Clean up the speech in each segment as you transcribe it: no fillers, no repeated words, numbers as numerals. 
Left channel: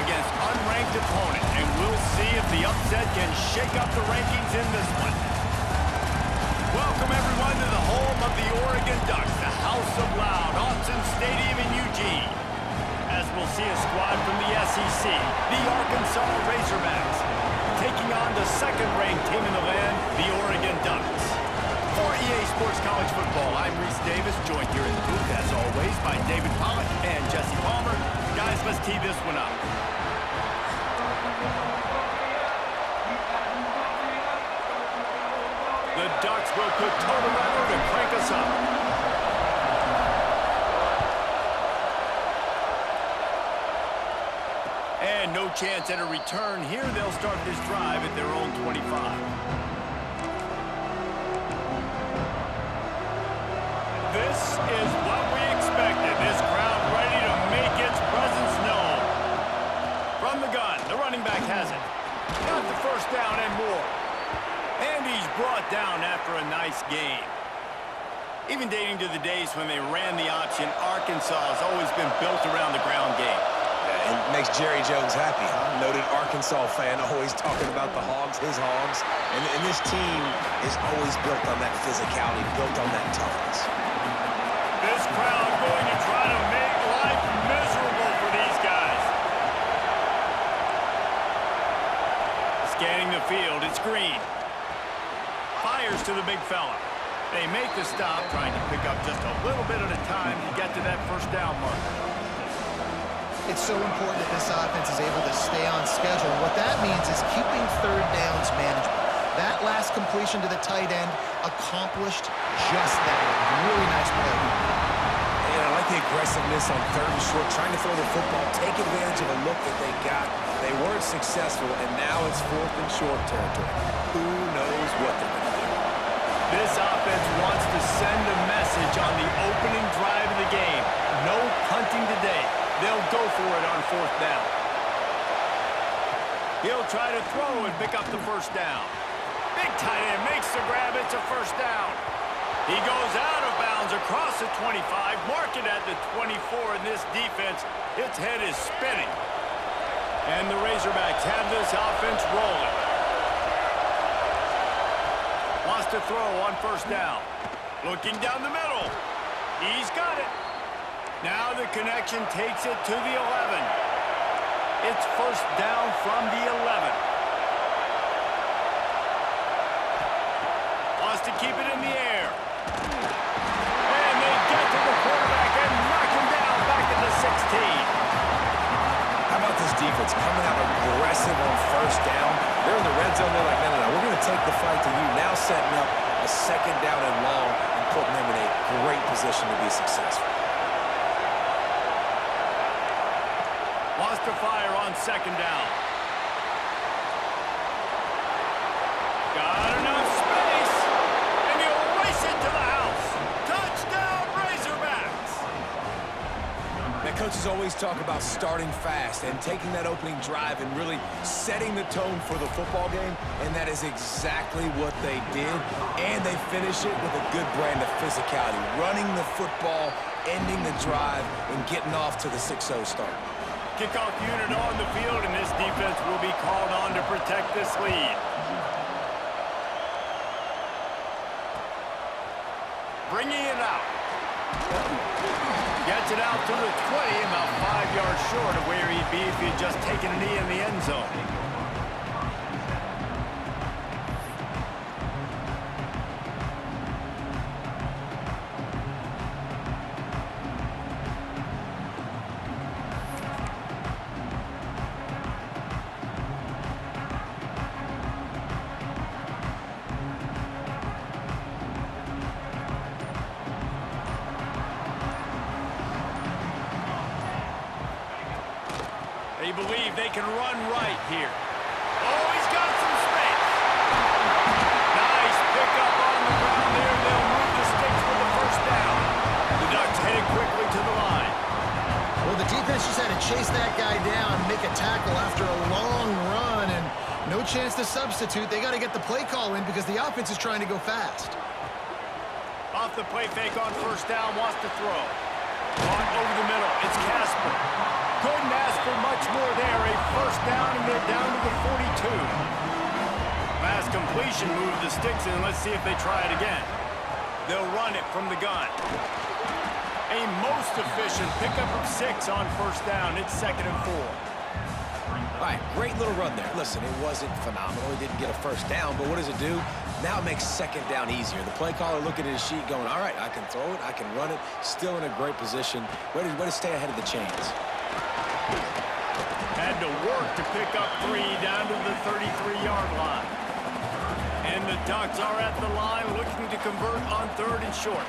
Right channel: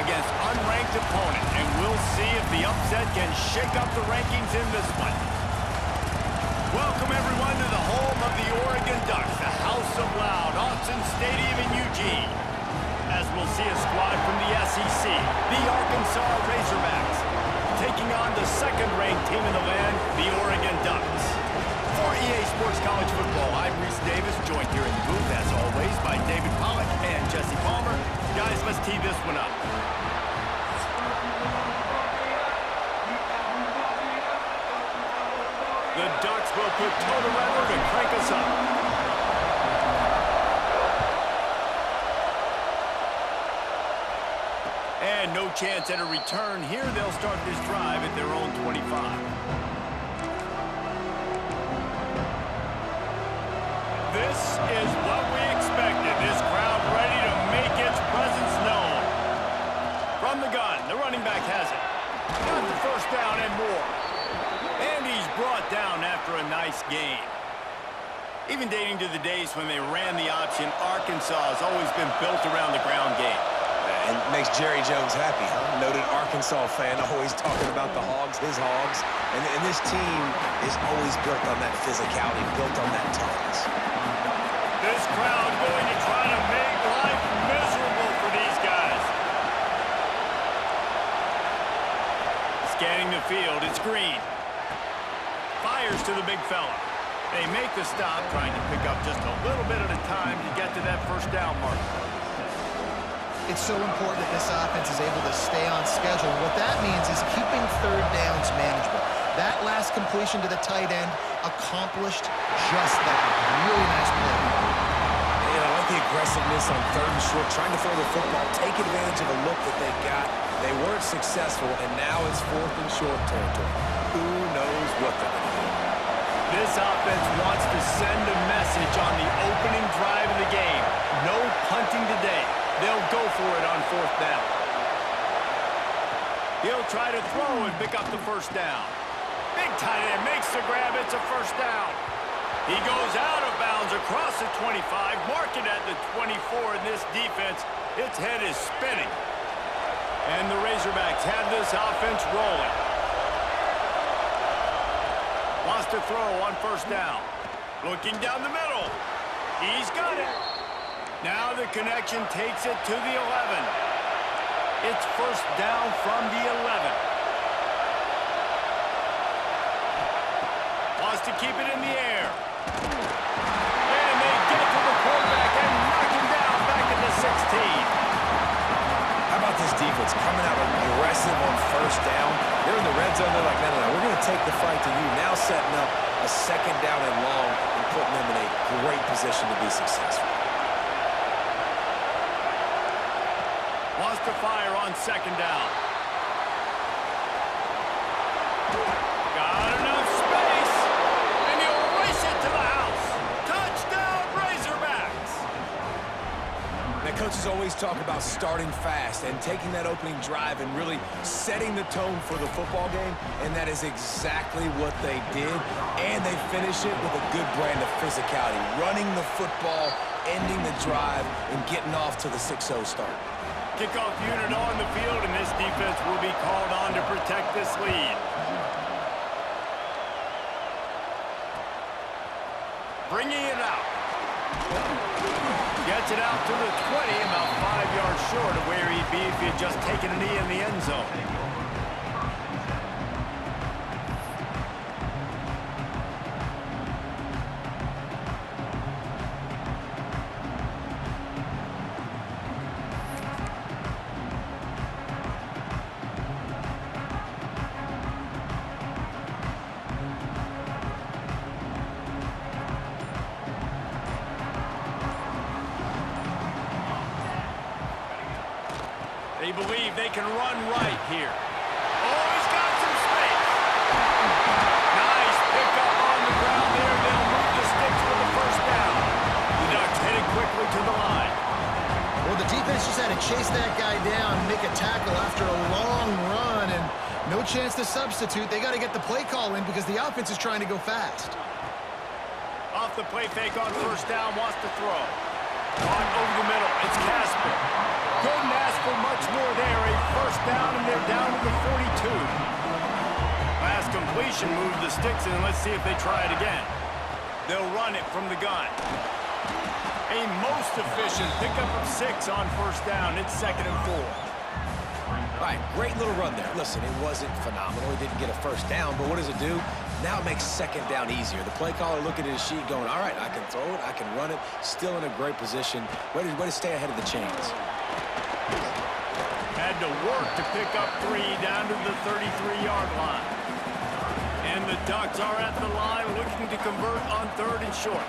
against unranked opponent, and we'll see if the upset can shake up the rankings in this one. Welcome, everyone, to the home of the Oregon Ducks, the House of Loud, Autzen Stadium in Eugene. As we'll see a squad from the SEC, the Arkansas Razorbacks, taking on the second-ranked team in the land, the Oregon Ducks. For EA Sports College Football, I'm Reese Davis, joined here in the booth, as always, by David Pollack and Jesse Palmer. Guys, let's tee this one up. The Ducks will put toe to leather to crank us up. And no chance at a return here. They'll start this drive at their own 25. This is what we expected. This crowd ready to make its presence known. From the gun, the running back has it. Got the first down and more. And he's brought down after a nice gain. Even dating to the days when they ran the option, Arkansas has always been built around the ground game. And makes Jerry Jones happy, huh? Noted Arkansas fan, always talking about the Hogs, his Hogs. And this team is always built on that physicality, built on that toughness. This crowd going to try to make life miserable for these guys. Scanning the field, it's Green. Fires to the big fella. They make the stop, trying to pick up just a little bit at a time to get to that first down marker. It's so important that this offense is able to stay on schedule. What that means is keeping third downs manageable. That last completion to the tight end accomplished just that. Really nice play. And I like the aggressiveness on third and short, trying to throw the football, take advantage of a look that they got. They weren't successful, and now it's fourth and short territory. Who knows what they're going to do? This offense wants to send a message on the opening drive of the game. No punting today. They'll go for it on fourth down. He'll try to throw and pick up the first down. Big tight end makes the grab. It's a first down. He goes out of bounds across the 25, mark it at the 24 in this defense. Its head is spinning. And the Razorbacks have this offense rolling. Wants to throw on first down. Looking down the middle. He's got it. Now the connection takes it to the 11. It's first down from the 11. Wants to keep it in the air. And they get to the quarterback and knock him down back at the 16. How about this defense coming out aggressive on first down? They're in the red zone. They're like, no, we're going to take the fight to you. Now setting up a second down and long and putting them in a great position to be successful. Wants to fire on second down. Got enough space. And he'll race it to the house. Touchdown, Razorbacks. Now, coaches always talk about starting fast and taking that opening drive and really setting the tone for the football game, and that is exactly what they did. And they finish it with a good brand of physicality, running the football, ending the drive, and getting off to the 6-0 start. Kickoff unit on the field, and this defense will be called on to protect this lead. Bringing it out. Gets it out to the 20, about 5 yards short of where he'd be if he had just taken a knee in the end zone. They believe they can run right here. Oh, he's got some space. Nice pickup on the ground there. They'll move the sticks with the first down. The Ducks headed quickly to the line. Well, the defense just had to chase that guy down, make a tackle after a long run, and no chance to substitute. They got to get the play call in because the offense is trying to go fast. Off the play fake on first down, wants to throw. Caught over the middle. It's Casper. Couldn't ask for much more there. A first down, and they're down to the 42. Last completion moved the sticks in. Let's see if they try it again. They'll run it from the gun. A most efficient pickup of 6 on first down. It's 2nd and 4. All right, great little run there. Listen, it wasn't phenomenal. He didn't get a first down, but what does it do? Now it makes 2nd down easier. The play caller looking at his sheet going, all right, I can throw it, I can run it, still in a great position. Way to stay ahead of the chains. Had to work to pick up 3 down to the 33-yard line. And the Ducks are at the line looking to convert on 3rd and short.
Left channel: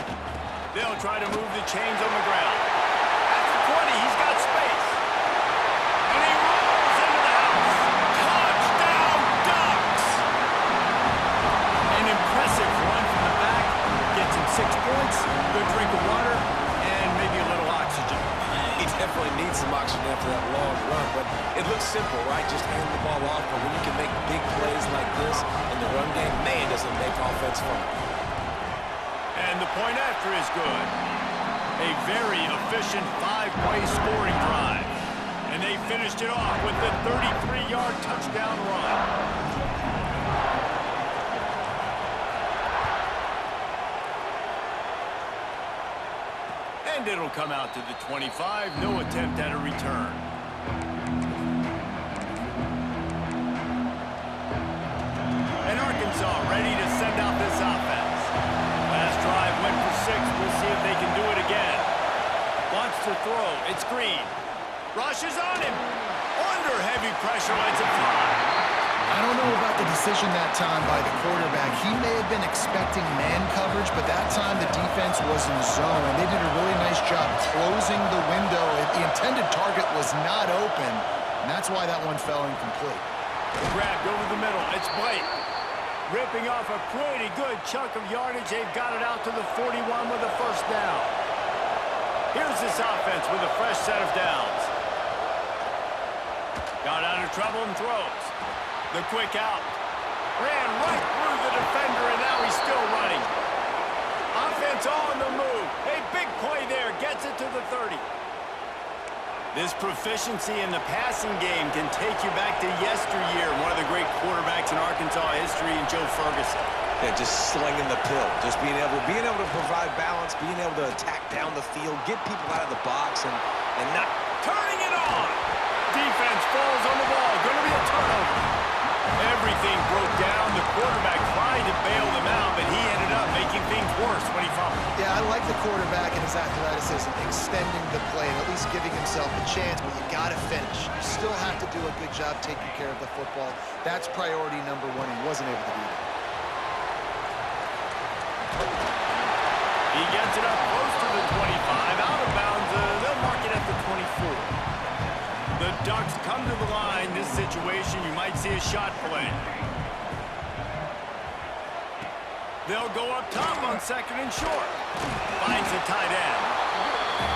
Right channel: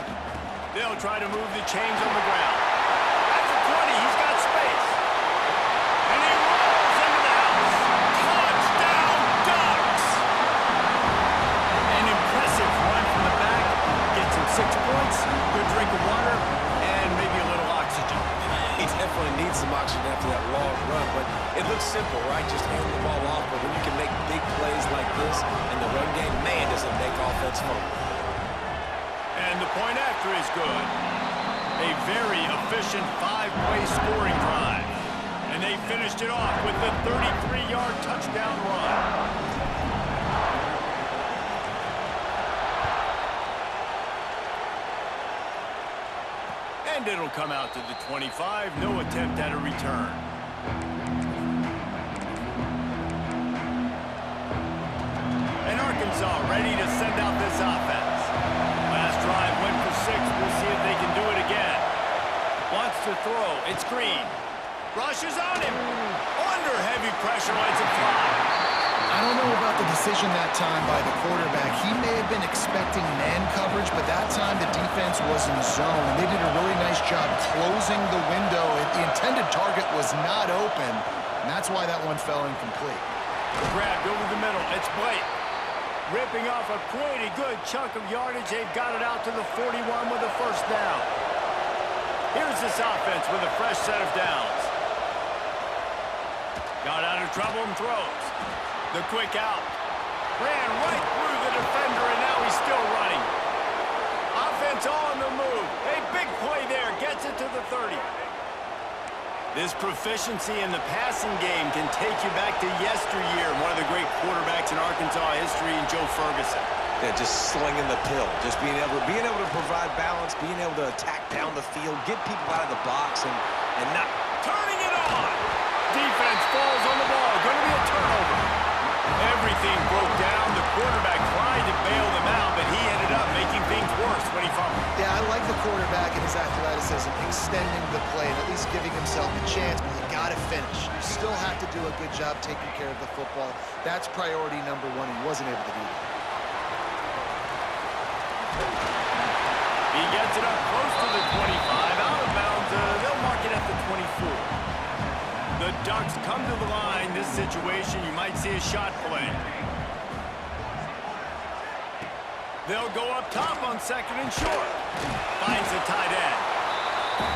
They'll try to move the chains on the ground. At the 20, he's got space. And he rolls into the house. Touchdown, Ducks! An impressive run from the back. Gets him 6 points, good drink of water, and maybe a little oxygen. He definitely needs some oxygen after that long run, but it looks simple, right? Just hand the ball off, but when you can make big plays like this in the run game, man, does it make offense fun. And the point after is good. A very efficient 5-play scoring drive. And they finished it off with the 33-yard touchdown run. And it'll come out to the 25. No attempt at a return. And Arkansas ready to send out this offense. Last drive went for 6. We'll see if they can do it again. Wants to throw. It's Green. Rushes on him. Under heavy pressure, lets it fly. I don't know about the decision that time by the quarterback. He may have been expecting man coverage, but that time the defense was in zone, and they did a really nice job closing the window. The intended target was not open, and that's why that one fell incomplete. Grabbed over the middle. It's Blake. Ripping off a pretty good chunk of yardage. They've got it out to the 41 with a first down. Here's this offense with a fresh set of downs. Got out of trouble and throws. The quick out. Ran right through the defender, and now he's still running. Offense on the move. A big play there. Gets it to the 30. This proficiency in the passing game can take you back to yesteryear. One of the great quarterbacks in Arkansas history, in Joe Ferguson. Yeah, just slinging the pill. Just being able to provide balance, being able to attack down the field, get people out of the box, and not... Turning it on. Defense falls on the ball. Going to be a turnover. Everything broke down. The quarterback tried to bail them out, but he ended up making things worse when he fumbled. Yeah, I like the quarterback and his athleticism, extending the play and at least giving himself a chance, but you got to finish. You still have to do a good job taking care of the football. That's priority number 1. He wasn't able to do that. He gets it up close to the 25. Out of bounds. They'll mark it at the 24. The Ducks come to the line. This situation, you might see a shot play. They'll go up top on 2nd and short. Finds the tight end.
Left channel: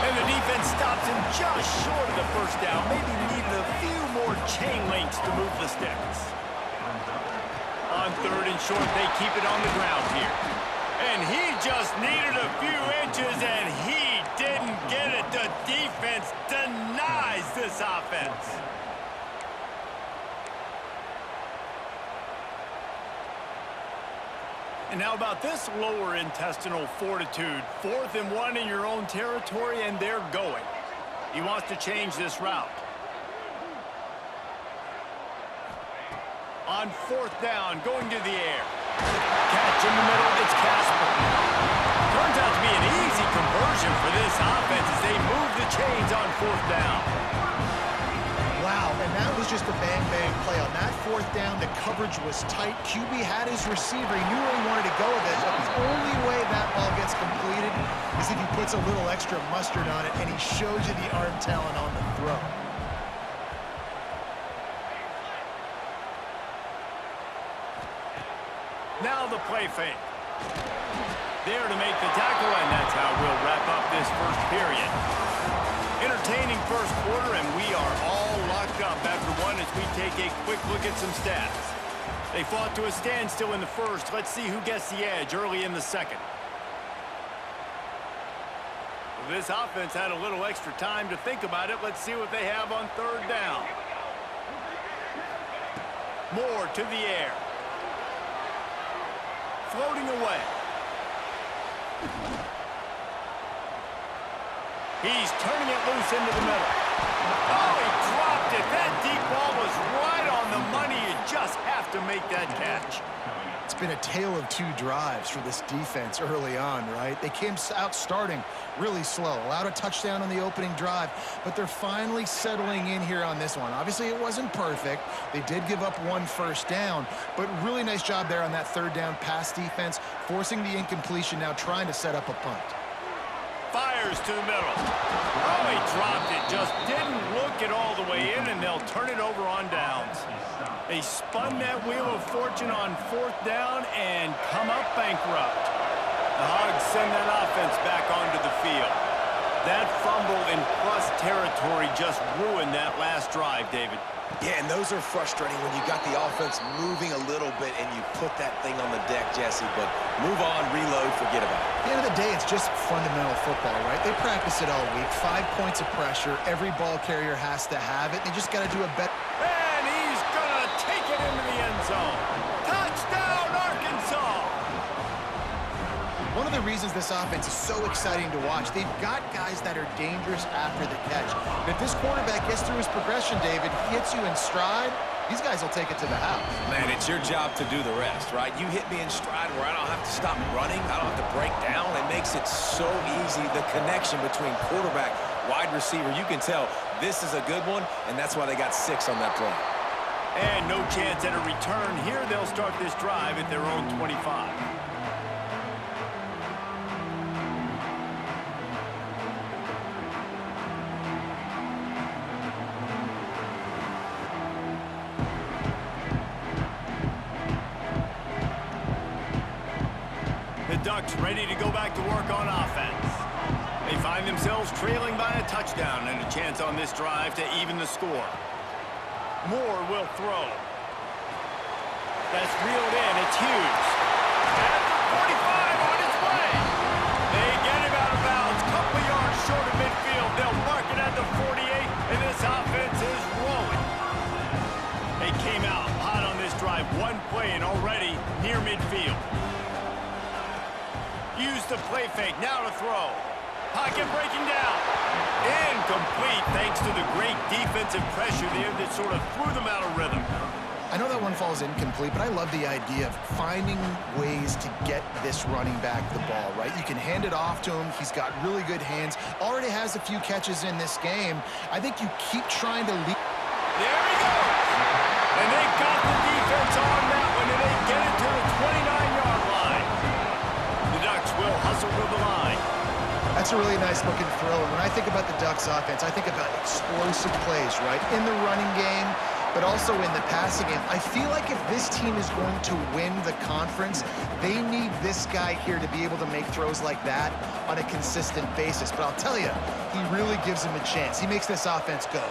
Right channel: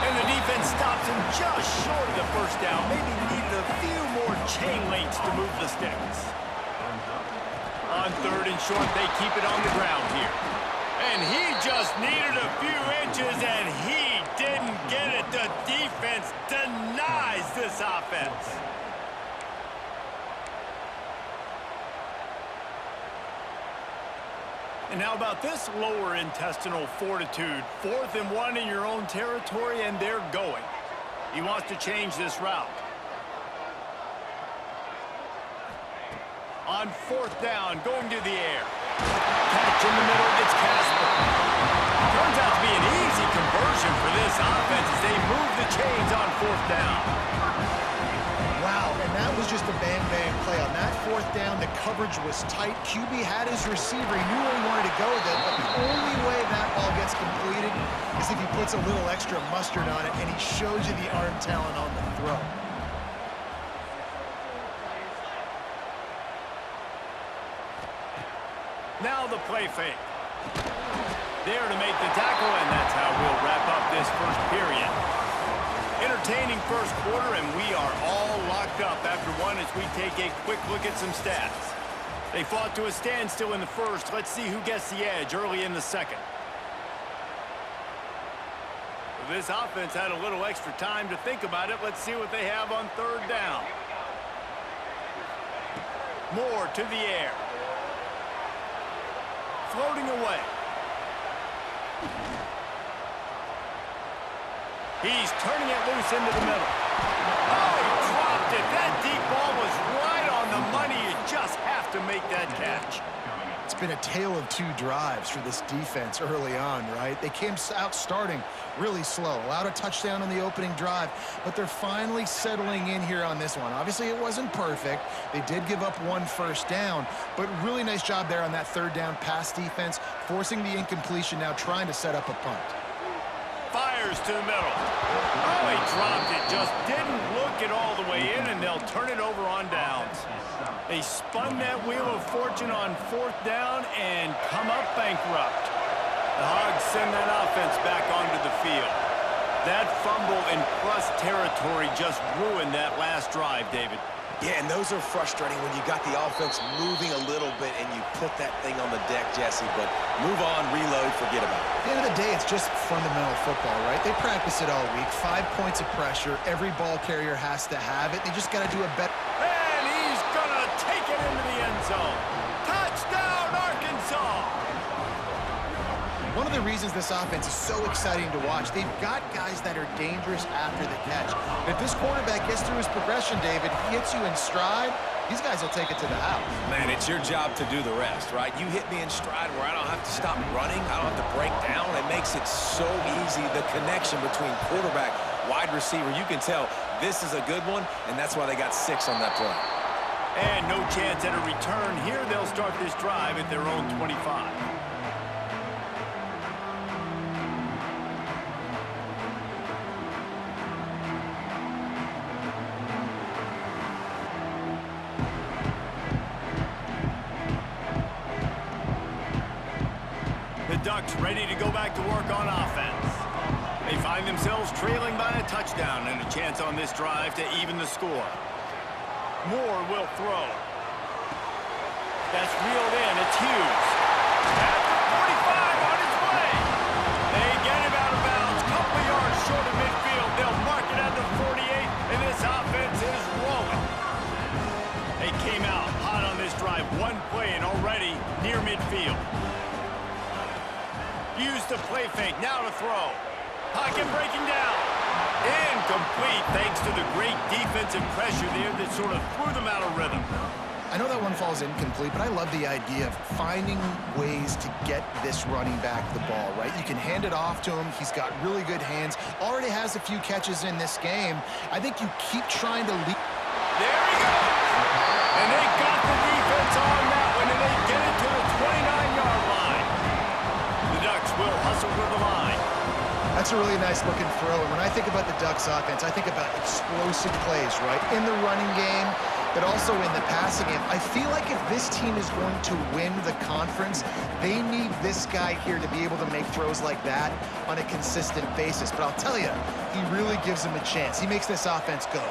And the defense stops him just short of the first down. Maybe needed a few more chain links to move the sticks. On 3rd and short, they keep it on the ground here. And he just needed a few inches, and he didn't get it. The defense denies this offense. And how about this lower intestinal fortitude? 4th and 1 in your own territory, and they're going. He wants to change this route. On 4th down, going to the air. Catch in the middle, it's Casper. Turns out to be an easy conversion for this offense as they move the chains on 4th down. Wow, and that was just a bang-bang play. On that 4th down, the coverage was tight. QB had his receiver. He knew where he wanted to go with it, but the only way that ball gets completed is if he puts a little extra mustard on it, and he shows you the arm talent on the throw. Now the play fake. There to make the tackle, and that's how we'll wrap up this first period. Entertaining first quarter, and we are all locked up after one as we take a quick look at some stats. They fought to a standstill in the first. Let's see who gets the edge early in the second. This offense had a little extra time to think about it. Let's see what they have on 3rd down. Moore to the air. Floating away. He's turning it loose into the middle. Oh, he dropped it. That deep ball was right on the money. You just have to make that catch. It's been a tale of two drives for this defense early on, right? They came out starting really slow, allowed a touchdown on the opening drive, but they're finally settling in here on this one. Obviously, it wasn't perfect. They did give up one first down, but really nice job there on that third down pass defense, forcing the incompletion, now trying to set up a punt. Fires to the middle. Oh, he dropped it. Just didn't look it all the way in, and they'll turn it over on downs. They spun that wheel of fortune on fourth down and come up bankrupt. The Hogs send that offense back onto the field. That fumble in plus territory just ruined that last drive, David. Yeah, and those are frustrating when you got the offense moving a little bit and you put that thing on the deck, Jesse. But move on, reload, forget about it. At the end of the day, it's just fundamental football, right? They practice it all week. 5 points of pressure. Every ball carrier has to have it. They just got to do a better... And he's going to take it into the end zone. Touchdown, Arkansas! One of the reasons this offense is so exciting to watch, they've got guys that are dangerous after the catch. And if this quarterback gets through his progression, David, hits you in stride, these guys will take it to the house. Man, it's your job to do the rest, right? You hit me in stride where I don't have to stop running. I don't have to break down. It makes it so easy, the connection between quarterback, wide receiver. You can tell this is a good one, and that's why they got 6 on that play. And no chance at a return. Here they'll start this drive at their own 25. The Ducks ready to go back to work on offense. They find themselves trailing by a touchdown and a chance on this drive to even the score. Moore will throw. That's reeled in. It's Hughes. At the 45 on its way. They get him out of bounds. Couple yards short of midfield. They'll mark it at the 48, and this offense is rolling. They came out hot on this drive. One play and already near midfield. Use the play fake. Now to throw. Pocket breaking down. Incomplete thanks to the great defensive pressure there that sort of threw them out of rhythm. I know that one falls incomplete, but I love the idea of finding ways to get this running back the ball, right? You can hand it off to him. He's got really good hands. Already has a few catches in this game. I think you keep trying to lead. There he goes. And they got the defense on that one, and they get it to the 29-yard line. The Ducks will hustle to the line. That's a really nice looking throw. And when I think about the Ducks offense, I think about explosive plays, right? In the running game, but also in the passing game. I feel like if this team is going to win the conference, they need this guy here to be able to make throws like that on a consistent basis. But I'll tell you, he really gives him a chance. He makes this offense go.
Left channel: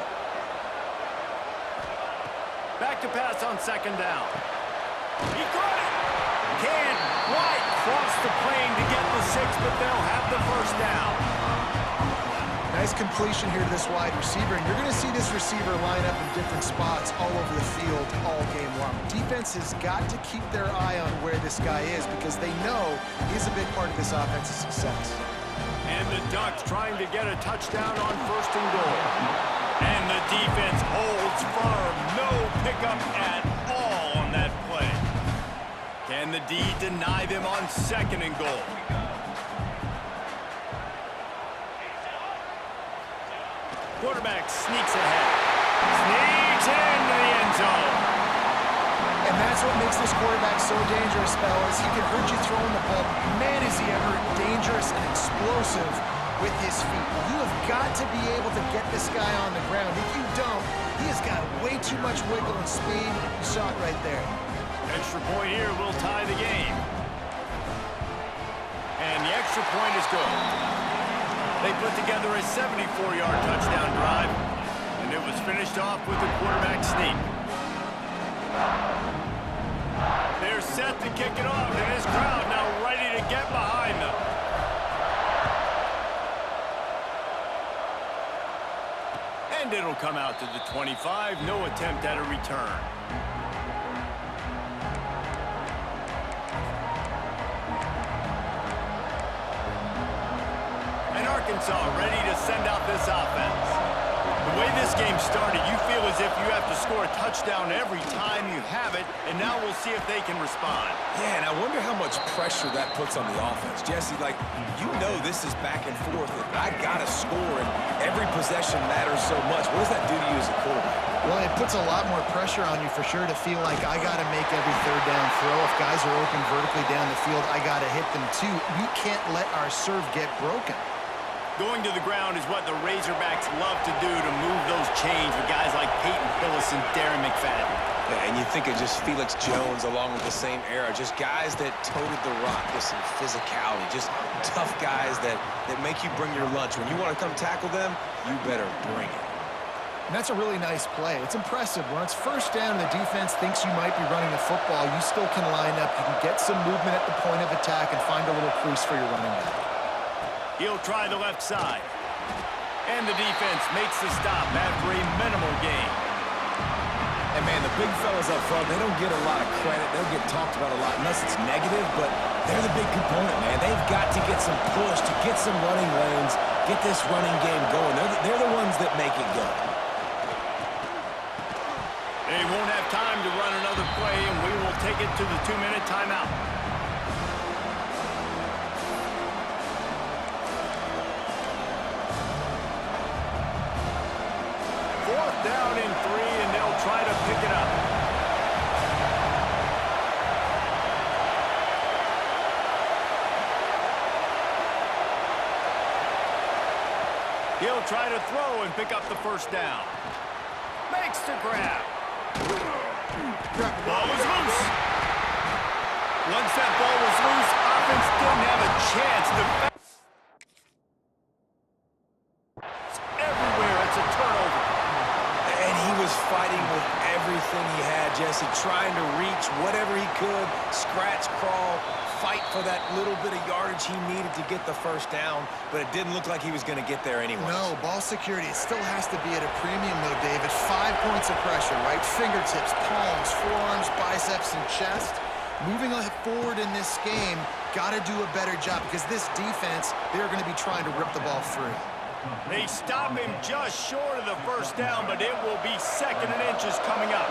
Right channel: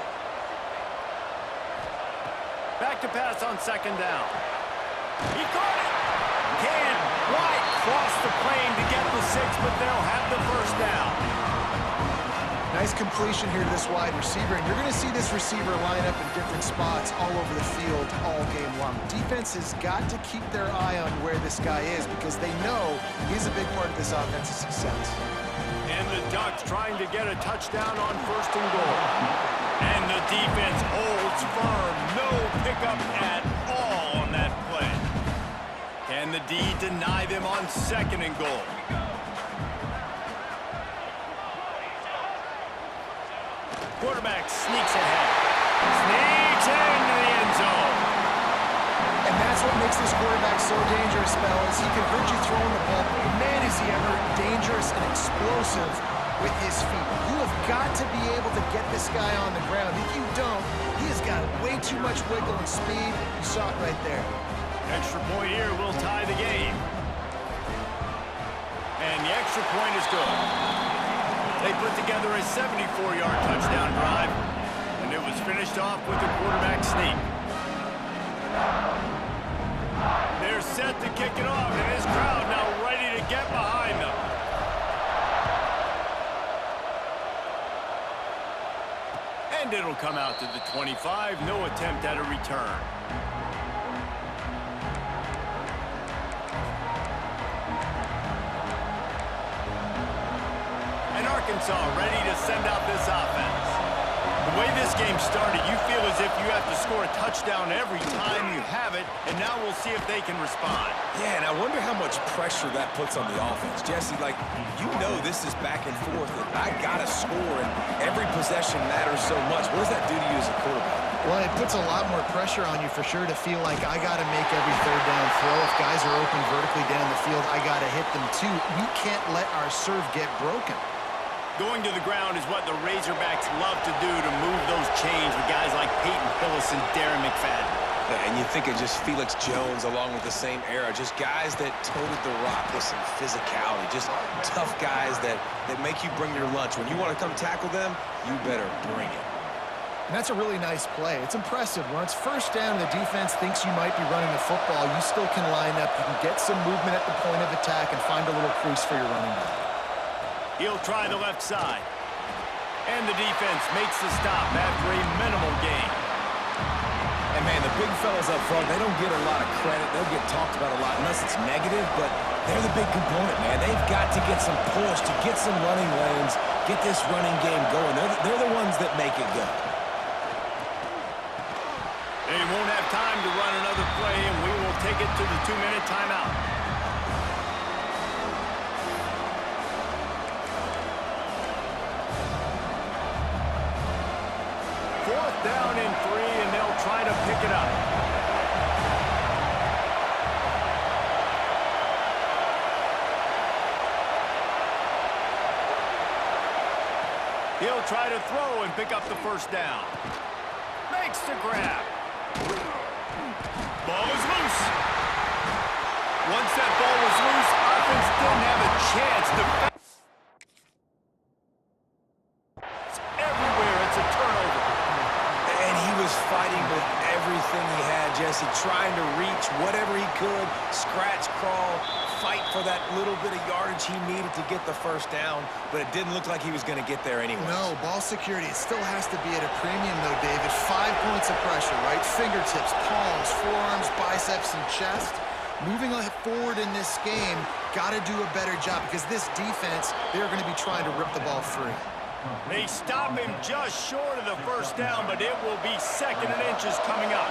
Back to pass on second down. He caught it. Can't quite cross the plane to get the 6, but they'll have the first down. Nice completion here to this wide receiver, and you're going to see this receiver line up in different spots all over the field all game long. Defense has got to keep their eye on where this guy is because they know he's a big part of this offense's success. And the Ducks trying to get a touchdown on first and goal. And the defense holds firm. No pickup at all on that play. Can the D deny them on second and goal? Quarterback sneaks ahead. Sneaks into the end zone. And that's what makes this quarterback so dangerous, fellas. He can hurt you throwing the ball, but man, is he ever dangerous and explosive with his feet. You have got to be able to get this guy on the ground. If you don't, he has got way too much wiggle and speed. You saw it right there. Extra point here will tie the game. And the extra point is good. They put together a 74-yard touchdown drive, and it was finished off with a quarterback sneak. They're set to kick it off, and this crowd now ready to get behind them. And it'll come out to the 25. No attempt at a return. And Arkansas ready to send out this offense. The way this game started, you feel as if you have to score a touchdown every time you have it, and now we'll see if they can respond. Yeah, and I wonder how much pressure that puts on the offense. Jesse, like, you know this is back and forth, and I got to score, and every possession matters so much. What does that do to you as a quarterback? Well, it puts a lot more pressure on you for sure to feel like I got to make every third down throw. If guys are open vertically down the field, I got to hit them too. We can't let our serve get broken. Going to the ground is what the Razorbacks love to do to move those chains with guys like Peyton Hillis and Darren McFadden. Yeah, and you think of just Felix Jones along with the same era, just guys that toted the rock with some physicality, just tough guys that make you bring your lunch. When you want to come tackle them, you better bring it. And that's a really nice play. It's impressive. When it's first down and the defense thinks you might be running the football, you still can line up. You can get some movement at the point of attack and find a little crease for your running back. He'll try the left side. And the defense makes the stop after a minimal gain. And, man, the big fellas up front, they don't get a lot of credit. They'll get talked about a lot unless it's negative, but they're the big component, man. They've got to get some push, to get some running lanes, get this running game going. They're the ones that make it go. They won't have time to run another play, and we will take it to the 2-minute timeout. Fourth down and 3, and they'll try to pick it up. He'll try to throw and pick up the first down. Makes the grab. Ball is loose. Once that ball was loose, offense didn't have a chance to... Everywhere, it's a turnover. And he was fighting with everything he had, Jesse, trying to reach whatever he could, scratch, crawl, fight for that little bit of yardage he needed to get the first down, but it didn't look like he was going to get there anyway. No, ball security, it still has to be at a premium, though, David. 5 points of pressure, right? Fingertips, palms, forearms, biceps, and chest. Moving forward in this game, got to do a better job because this defense, they're going to be trying to rip the ball free. They stop him just short of the first down, but it will be 2nd and inches coming up.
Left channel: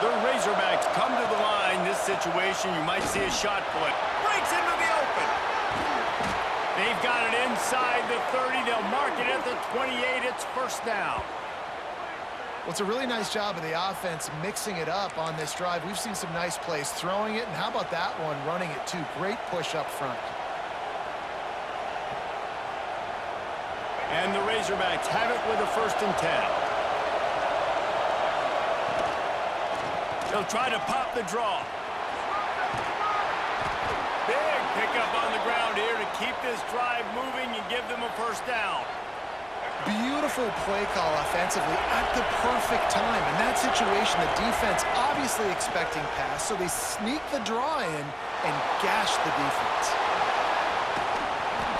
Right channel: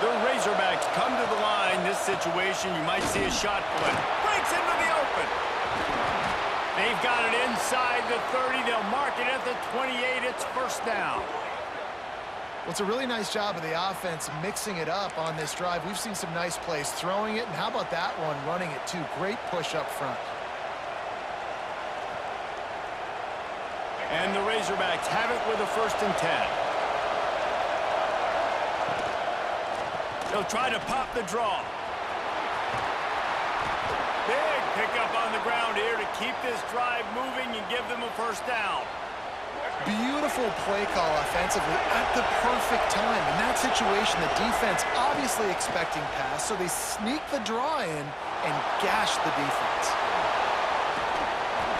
The Razorbacks come to the line. This situation, you might see a shot play. Breaks into the open. They've got it inside the 30. They'll mark it at the 28. It's first down. Well, it's a really nice job of the offense mixing it up on this drive. We've seen some nice plays throwing it, and how about that one running it too? Great push up front. And the Razorbacks have it with a 1st and 10. They'll try to pop the draw. Big pickup on the ground here to keep this drive moving and give them a first down. Beautiful play call offensively at the perfect time. In that situation, the defense obviously expecting pass, so they sneak the draw in and gash the defense.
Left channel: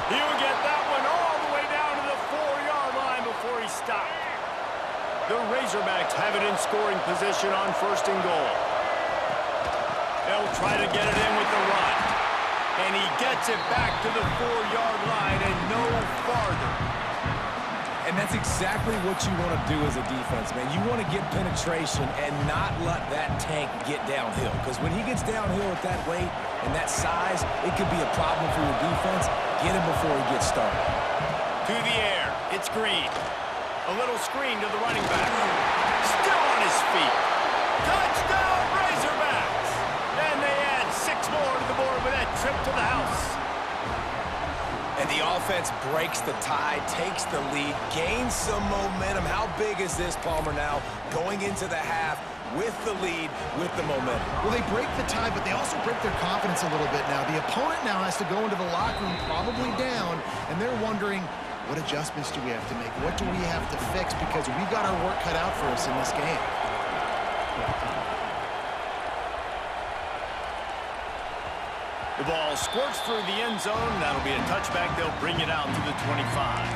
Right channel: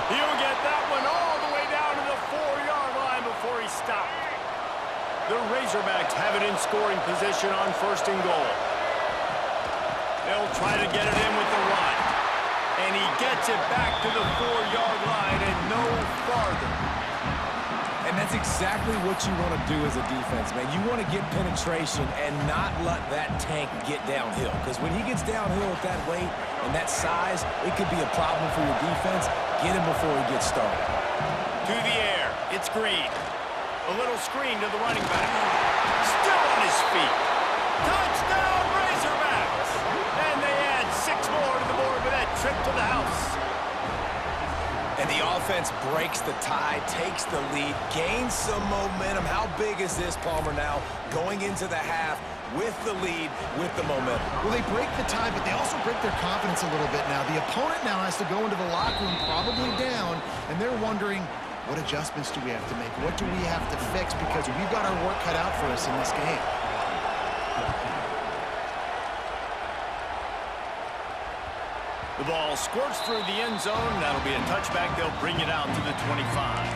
He'll get that one all the way down to the 4-yard line before he stopped. The Razorbacks have it in scoring position on 1st and goal. They'll try to get it in with the run. And he gets it back to the 4-yard line and no farther. And that's exactly what you want to do as a defense, man. You want to get penetration and not let that tank get downhill. Because when he gets downhill at that weight and that size, it could be a problem for your defense. Get him before he gets started. To the air. It's Green. A little screen to the running back. Still on his feet. Touchdown, Razorbacks! And they add 6 more to the board with that trip to the house. And the offense breaks the tie, takes the lead, gains some momentum. How big is this, Palmer, now going into the half with the lead, with the momentum? Well, they break the tie, but they also break their confidence a little bit now. The opponent now has to go into the locker room probably down, and they're wondering, what adjustments do we have to make? What do we have to fix? Because we've got our work cut out for us in this game. The ball squirts through the end zone. That'll be a touchback. They'll bring it out to the 25.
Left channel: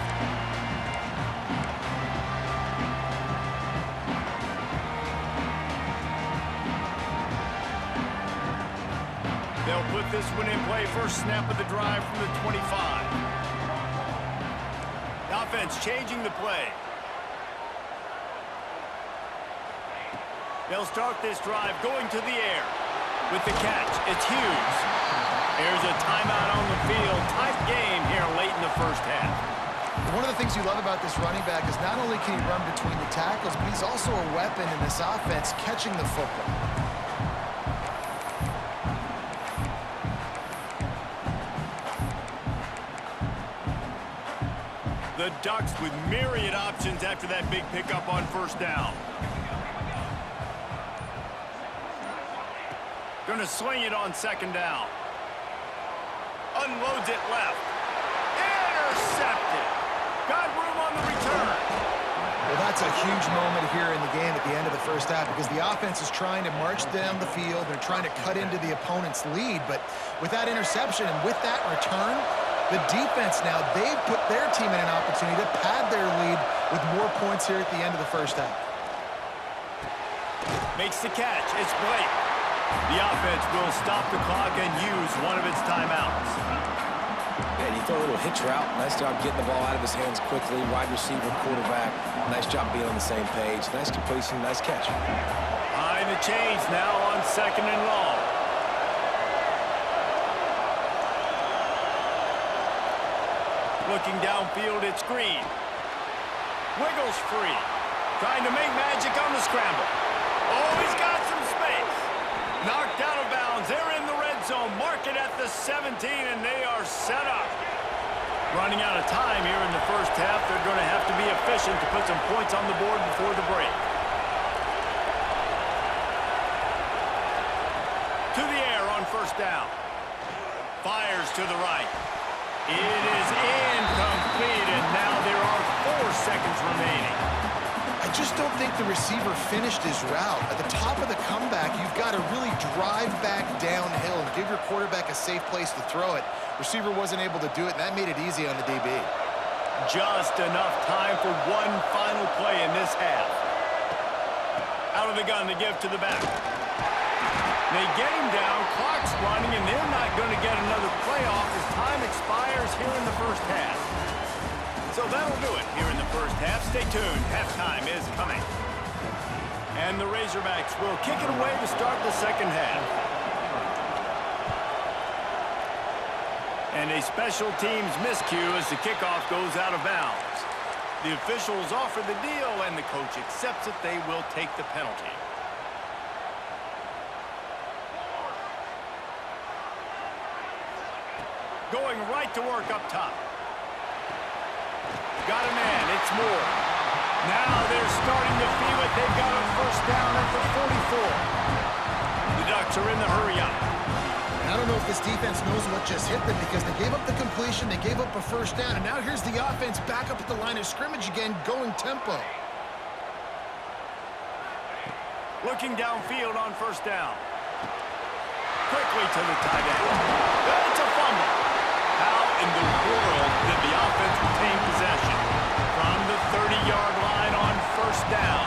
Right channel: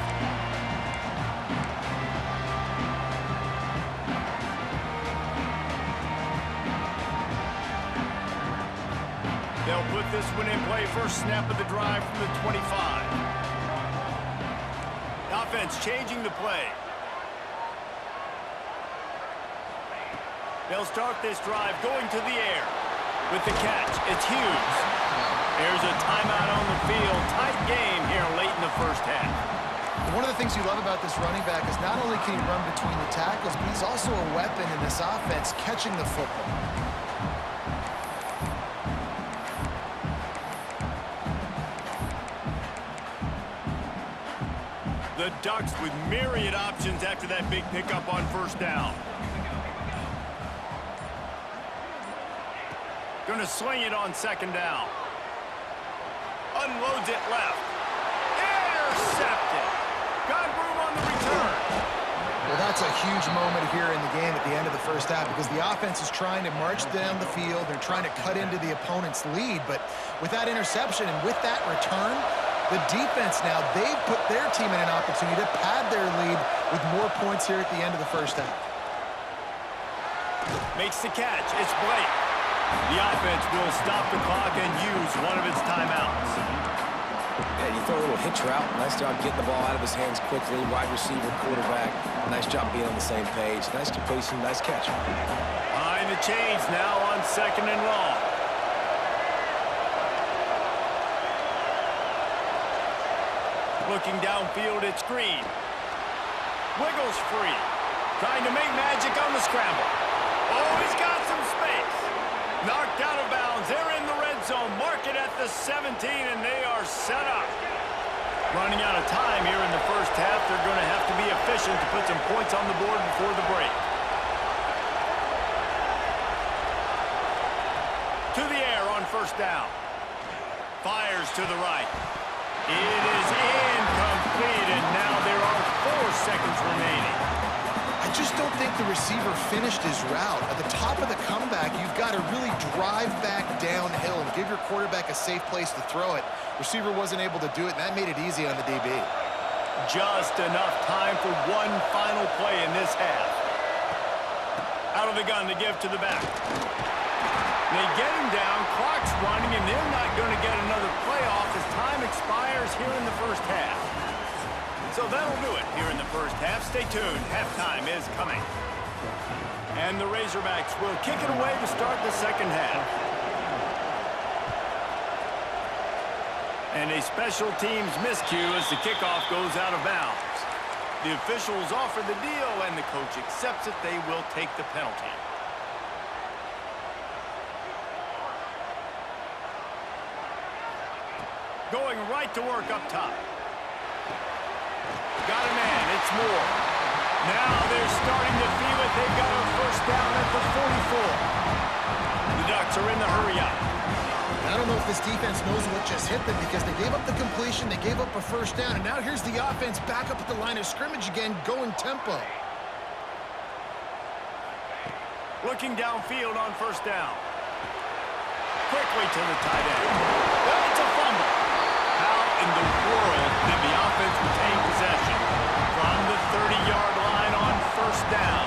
They'll put this one in play. First snap of the drive from the 25. defense changing the play. They'll start this drive going to the air. With the catch, it's Hughes. There's a timeout on the field. Tight game here late in the first half. One of the things you love about this running back is not only can he run between the tackles, but he's also a weapon in this offense catching the football. The Ducks with myriad options after that big pickup on first down. Going to swing it on second down. Unloads it left. Intercepted. Got room on the return. Well, that's a huge moment here in the game at the end of the first half because the offense is trying to march down the field. They're trying to cut into the opponent's lead, but with that interception and with that return, the defense now, they've put their team in an opportunity to pad their lead with more points here at the end of the first half. Makes the catch. It's Blake. The offense will stop the clock and use one of its timeouts. Yeah, you throw a little hitch route. Nice job getting the ball out of his hands quickly. Wide receiver, quarterback. Nice job being on the same page. Nice completion, nice catch. Behind the chains now on second and long. Looking downfield, it's Green. Wiggles free. Trying to make magic on the scramble. Oh, he's got some space. Knocked out of bounds. They're in the red zone. Mark it at the 17, and they are set up. Running out of time here in the first half. They're going to have to be efficient to put some points on the board before the break. To the air on first down. Fires to the right. It is incomplete, and now there are 4 seconds remaining. I just don't think the receiver finished his route. At the top of the comeback, you've got to really drive back downhill and give your quarterback a safe place to throw it. Receiver wasn't able to do it, and that made it easy on the DB. Just enough time for one final play in this half. Out of the gun to give to the back. They get him down, clock's running, and they're not going to get another play off as time expires here in the first half. So that'll do it here in the first half. Stay tuned. Halftime is coming. And the Razorbacks will kick it away to start the second half. And a special teams miscue as the kickoff goes out of bounds. The officials offer the deal, and the coach accepts it. They will take the penalty. Going right to work up top. Got a man, it's Moore. Now they're starting to feel it. They've got a first down at the 44. The Ducks are in the hurry up. And I don't know if this defense knows what just hit them because they gave up the completion, they gave up a first down, and now here's the offense back up at the line of scrimmage again, going tempo. Looking downfield on first down. Quickly to the tight end. It's a fumble. How in the world did the offense retain possession? From the 30-yard line on first down.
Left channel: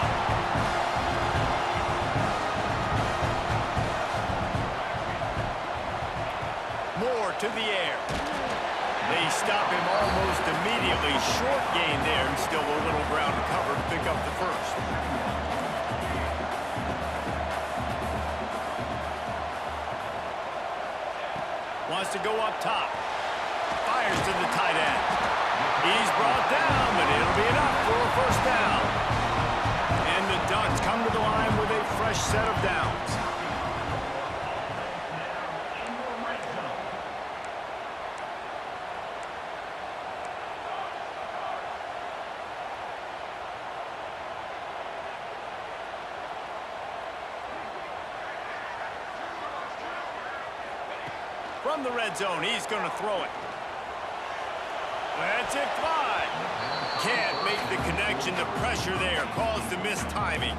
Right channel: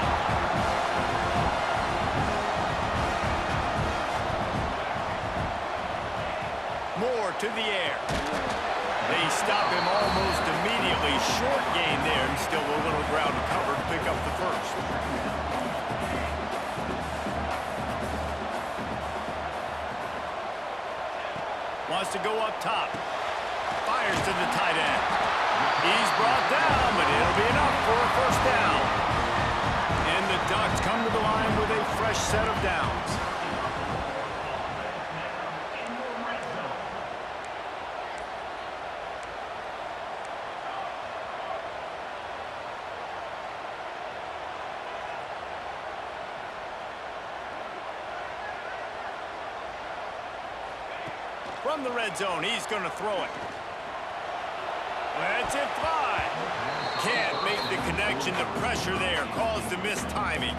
Moore to the air. They stop him almost immediately. Short gain there, and still a little ground to cover to pick up the first. Wants to go up top. Fires to the tight end. He's brought down, but it'll be enough for a first down. And the Ducks come to the line with a fresh set of downs. From the red zone, he's going to throw it. Lets it fly. Can't make the connection. The pressure there caused the mistiming.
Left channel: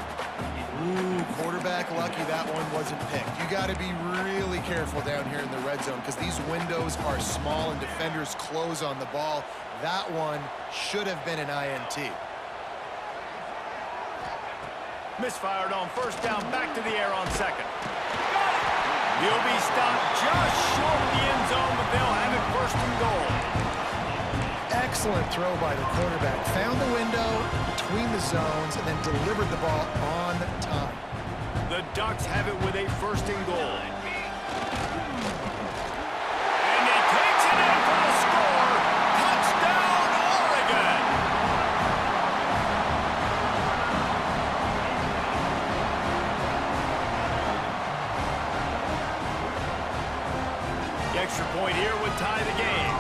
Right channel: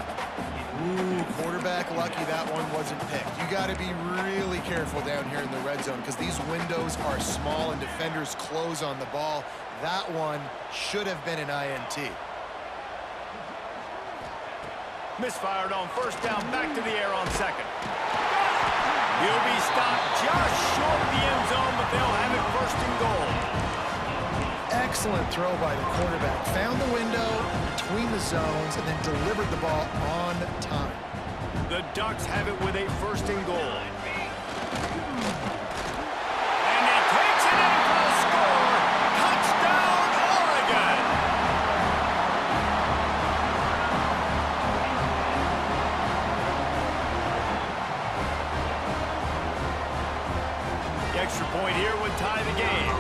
Ooh, quarterback lucky that one wasn't picked. You got to be really careful down here in the red zone because these windows are small and defenders close on the ball. That one should have been an INT. Misfired on first down, back to the air on second. Got it! He'll be stopped just short of the end zone, but they'll have it first and goal. Excellent throw by the quarterback. Found the window between the zones and then delivered the ball on time. The Ducks have it with a 1st and goal. And he takes it in for a score. Touchdown, Oregon! The extra point here would tie the game.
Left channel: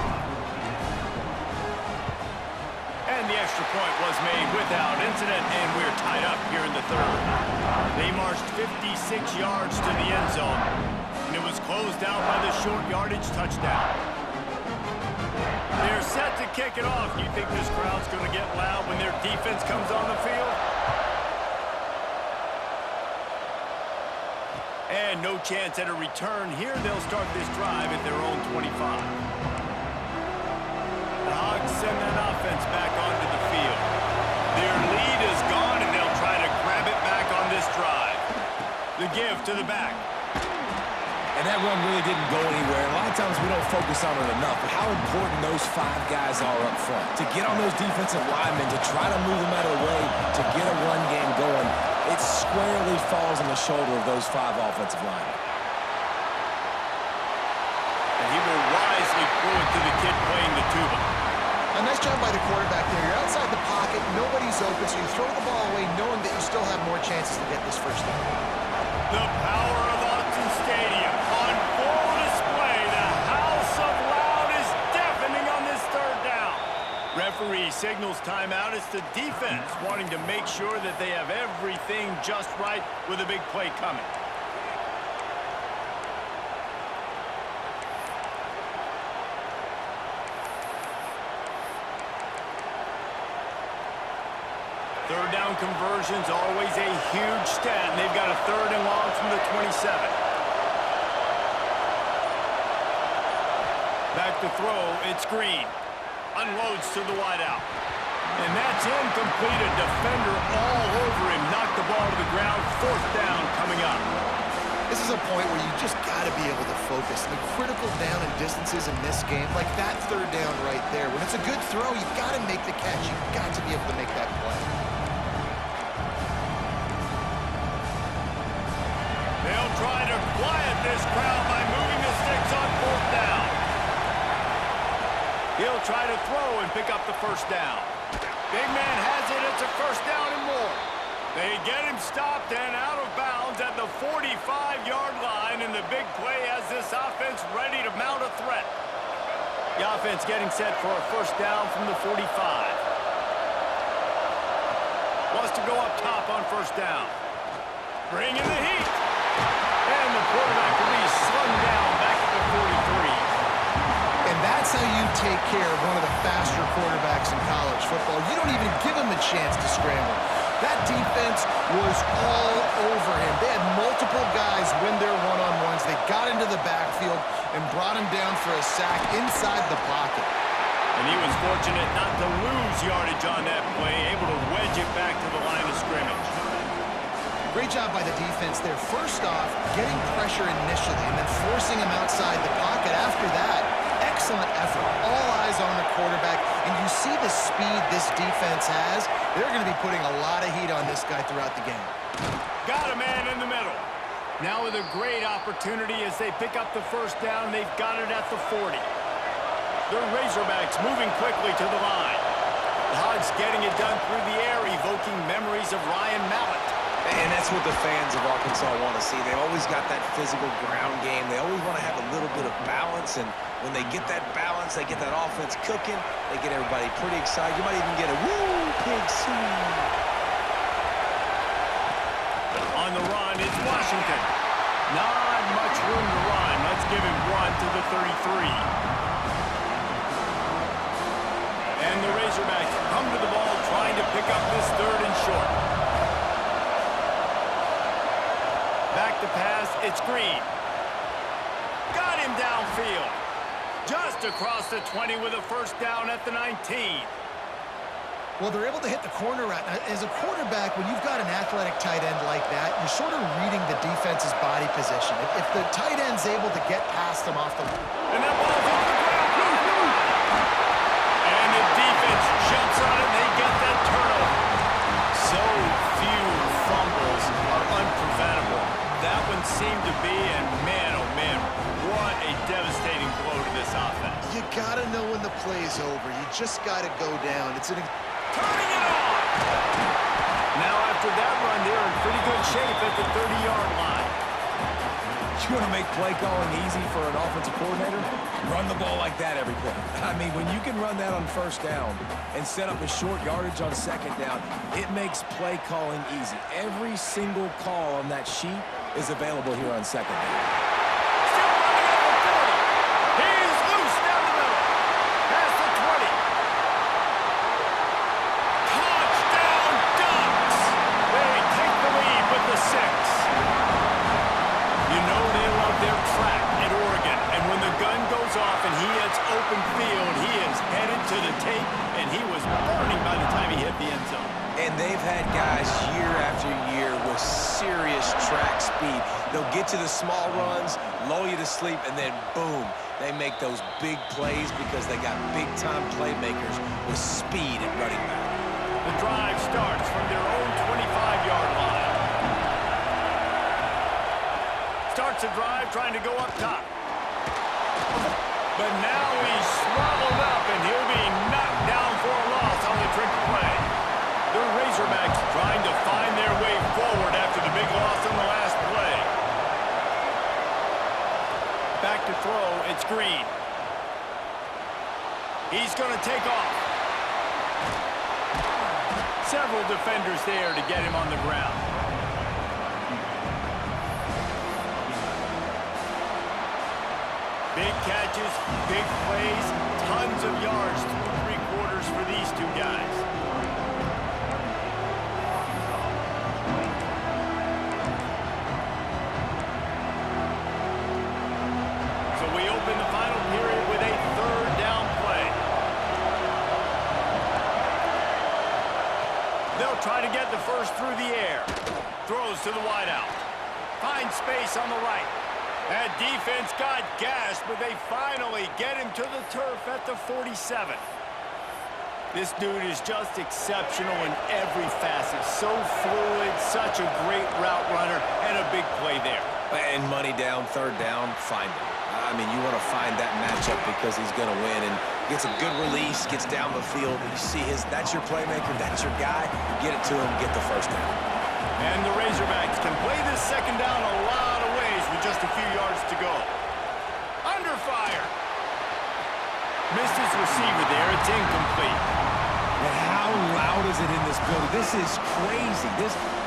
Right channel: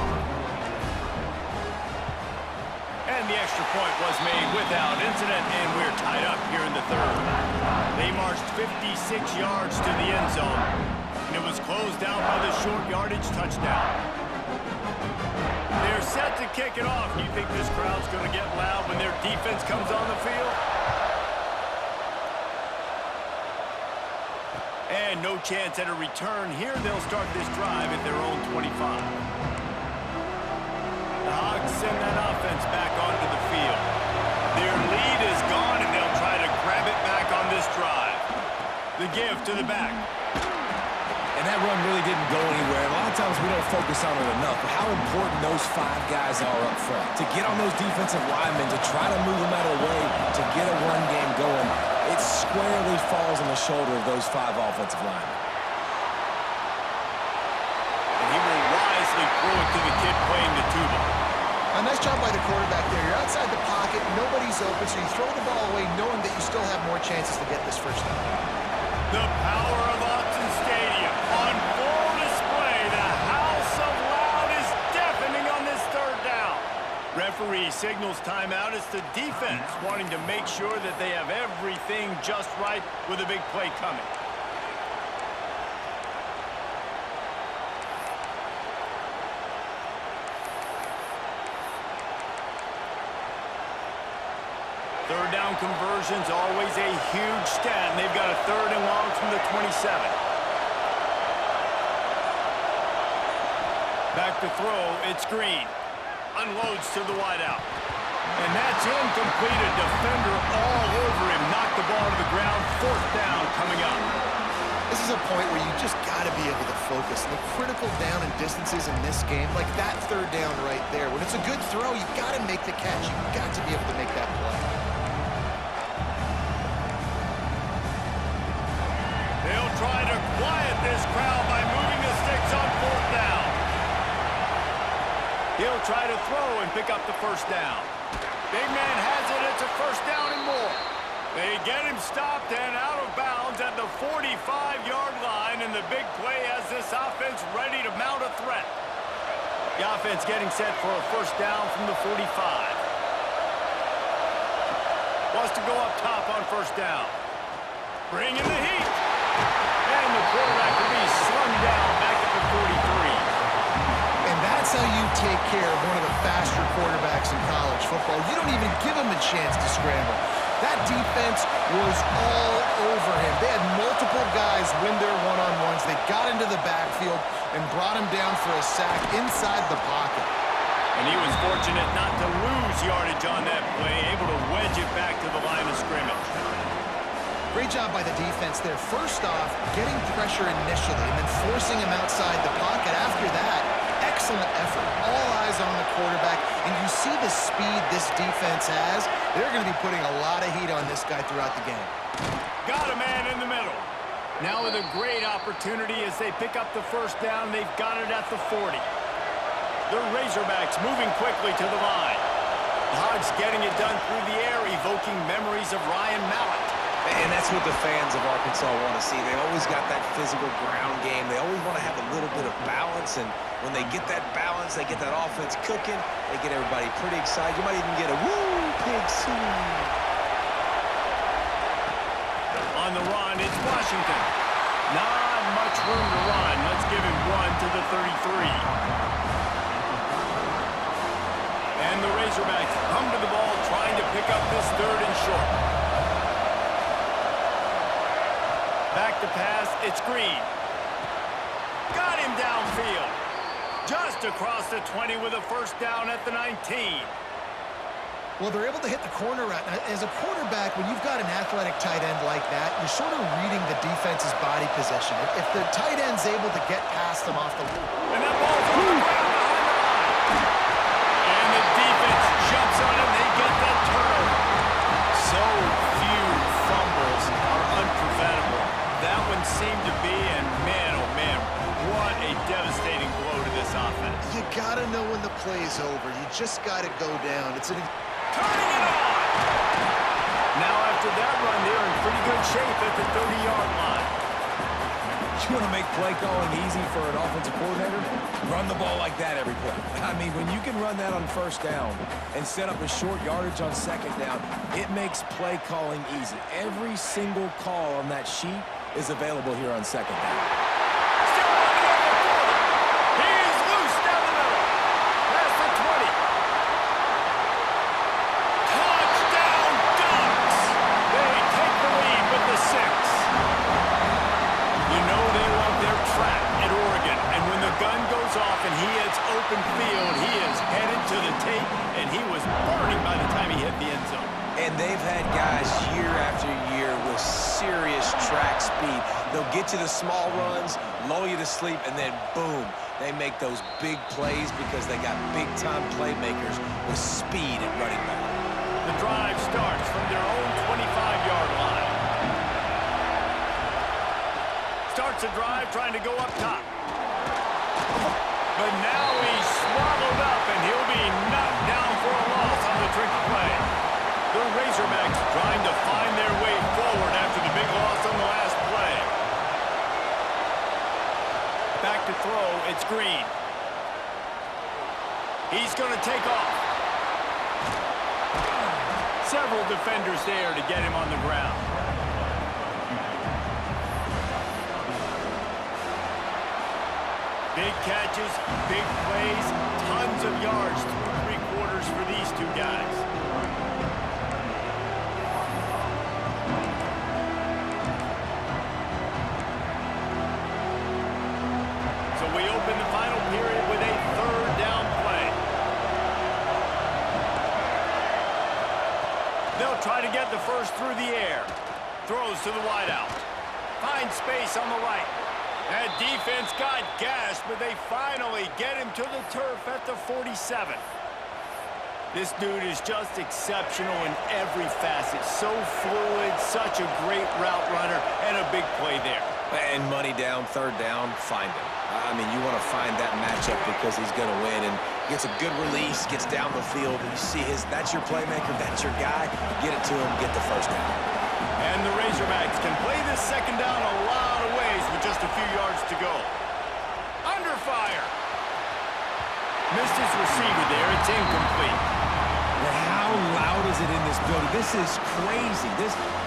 And the extra point was made without incident, and we're tied up here in the 3rd. They marched 56 yards to the end zone, and it was closed out by the short yardage touchdown. They're set to kick it off. You think this crowd's going to get loud when their defense comes on the field? And no chance at a return here. They'll start this drive at their own 25. The Hogs send that offense back onto the field. Their lead is gone, and they'll try to grab it back on this drive. The give to the back. And that run really didn't go anywhere. A lot of times we don't focus on it enough, but how important those 5 guys are up front. To get on those defensive linemen, to try to move them out of the way, to get a run game going, it squarely falls on the shoulder of those 5 offensive linemen. And he will wisely throw it to the kid playing the tuba. A nice job by the quarterback there. You're outside the pocket, nobody's open, so you throw the ball away knowing that you still have more chances to get this 1st down. The power of Autzen Stadium on full display. The House of Loud is deafening on this 3rd down. Referee signals timeout. It's the defense wanting to make sure that they have everything just right with a big play coming. Third down conversions, always a huge stat, and they've got a 3rd and long from the 27. Back to throw, it's Green. Unloads to the wideout. And that's incomplete. A defender all over him. Knocked the ball to the ground. 4th down coming up. This is a point where you just got to be able to focus. The critical down and distances in this game, like that 3rd down right there. When it's a good throw, you've got to make the catch. You've got to be able to make that play. They'll try to quiet this crowd by moving the sticks on 4th down. He'll try to throw and pick up the 1st down. Big man has it. It's a 1st down and more. They get him stopped and out of bounds at the 45-yard line, and the big play has this offense ready to mount a threat. The offense getting set for a 1st down from the 45. Wants to go up top on 1st down. Bring in the heat. And the quarterback will be slung down back at the 43. And that's how you take care of one of the faster quarterbacks in college football. You don't even give him a chance to scramble. That defense was all over him. They had multiple guys win their one-on-ones. They got into the backfield and brought him down for a sack inside the pocket. And he was fortunate not to lose yardage on that play, able to wedge it back to the line of scrimmage. Great job by the defense there. First off, getting pressure initially and then forcing him outside the pocket. After that, excellent effort. All eyes on the quarterback. And you see the speed this defense has. They're going to be putting a lot of heat on this guy throughout the game. Got a man in the middle. Now with a great opportunity as they pick up the 1st down. They've got it at the 40. The Razorbacks moving quickly to the line. The Hogs getting it done through the air, evoking memories of Ryan Mallett. And that's what the fans of Arkansas want to see. They've always got that physical ground game. They always want to have a little bit of balance, and when they get that balance, they get that offense cooking, they get everybody pretty excited. You might even get a woo, pig soo. On the run, it's Washington. Not much room to run. Let's give him 1 to the 33. And the Razorbacks come to the ball trying to pick up this 3rd and short. Back to pass, it's Green. Got him downfield. Just across the 20 with a 1st down at the 19. Well, they're able to hit the corner route. Now, as a quarterback, when you've got an athletic tight end like that, you're sort of reading the defense's body position. If the tight end's able to get past them off the... And that ball's on the ground behind the line. And the defense jumps on it, and they get that turnover. So few fumbles are unpreventable. That one seemed to be, and man, oh man, what a devastating blow to this offense. You gotta know when the play's over. You just gotta go down. It's an... Turning it on! Now after that run, they're in pretty good shape at the 30-yard line. You want to make play calling easy for an offensive coordinator? Run the ball like that every play. I mean, when you can run that on first down and set up a short yardage on second down, it makes play calling easy. Every single call on that sheet is available here on second down. Still running up the 40. He's loose down the middle. Past the 20. Touchdown Ducks! They take the lead with the 6. You know they love their track at Oregon, and when the gun goes off and he hits open field, he is headed to the tape, and he was burning by the time he hit the end zone. And they've had guys year after year with serious track speed. They'll get to the small runs, lull you to sleep, and then boom, they make those big plays because they got big-time playmakers with speed at running back. The drive starts from their own 25-yard line. Starts a drive trying to go up top. But now he's swallowed up, and he'll be knocked down for a loss on the trick play. The Razorbacks trying to find their way forward after the big loss on the last play. Back to throw, it's Green. He's going to take off. Several defenders there to get him on the ground. Big catches, big plays, tons of yards through 3 quarters for these two guys. So we open the final period with a 3rd down play. They'll try to get the first through the air. Throws to the wideout. Finds space on the right. That defense got gashed, but they finally get him to the turf at the 47. This dude is just exceptional in every facet. So fluid, such a great route runner, and a big play there. And money down, 3rd down, find him. I mean, you want to find that matchup because he's going to win, and gets a good release, gets down the field, and you see that's your playmaker, that's your guy. Get it to him, get the first down. And the Razorbacks can play this 2nd down a lot of ways with just a few yards to go. Under fire. Missed his receiver there. It's incomplete. And how loud is it in this building? This is crazy.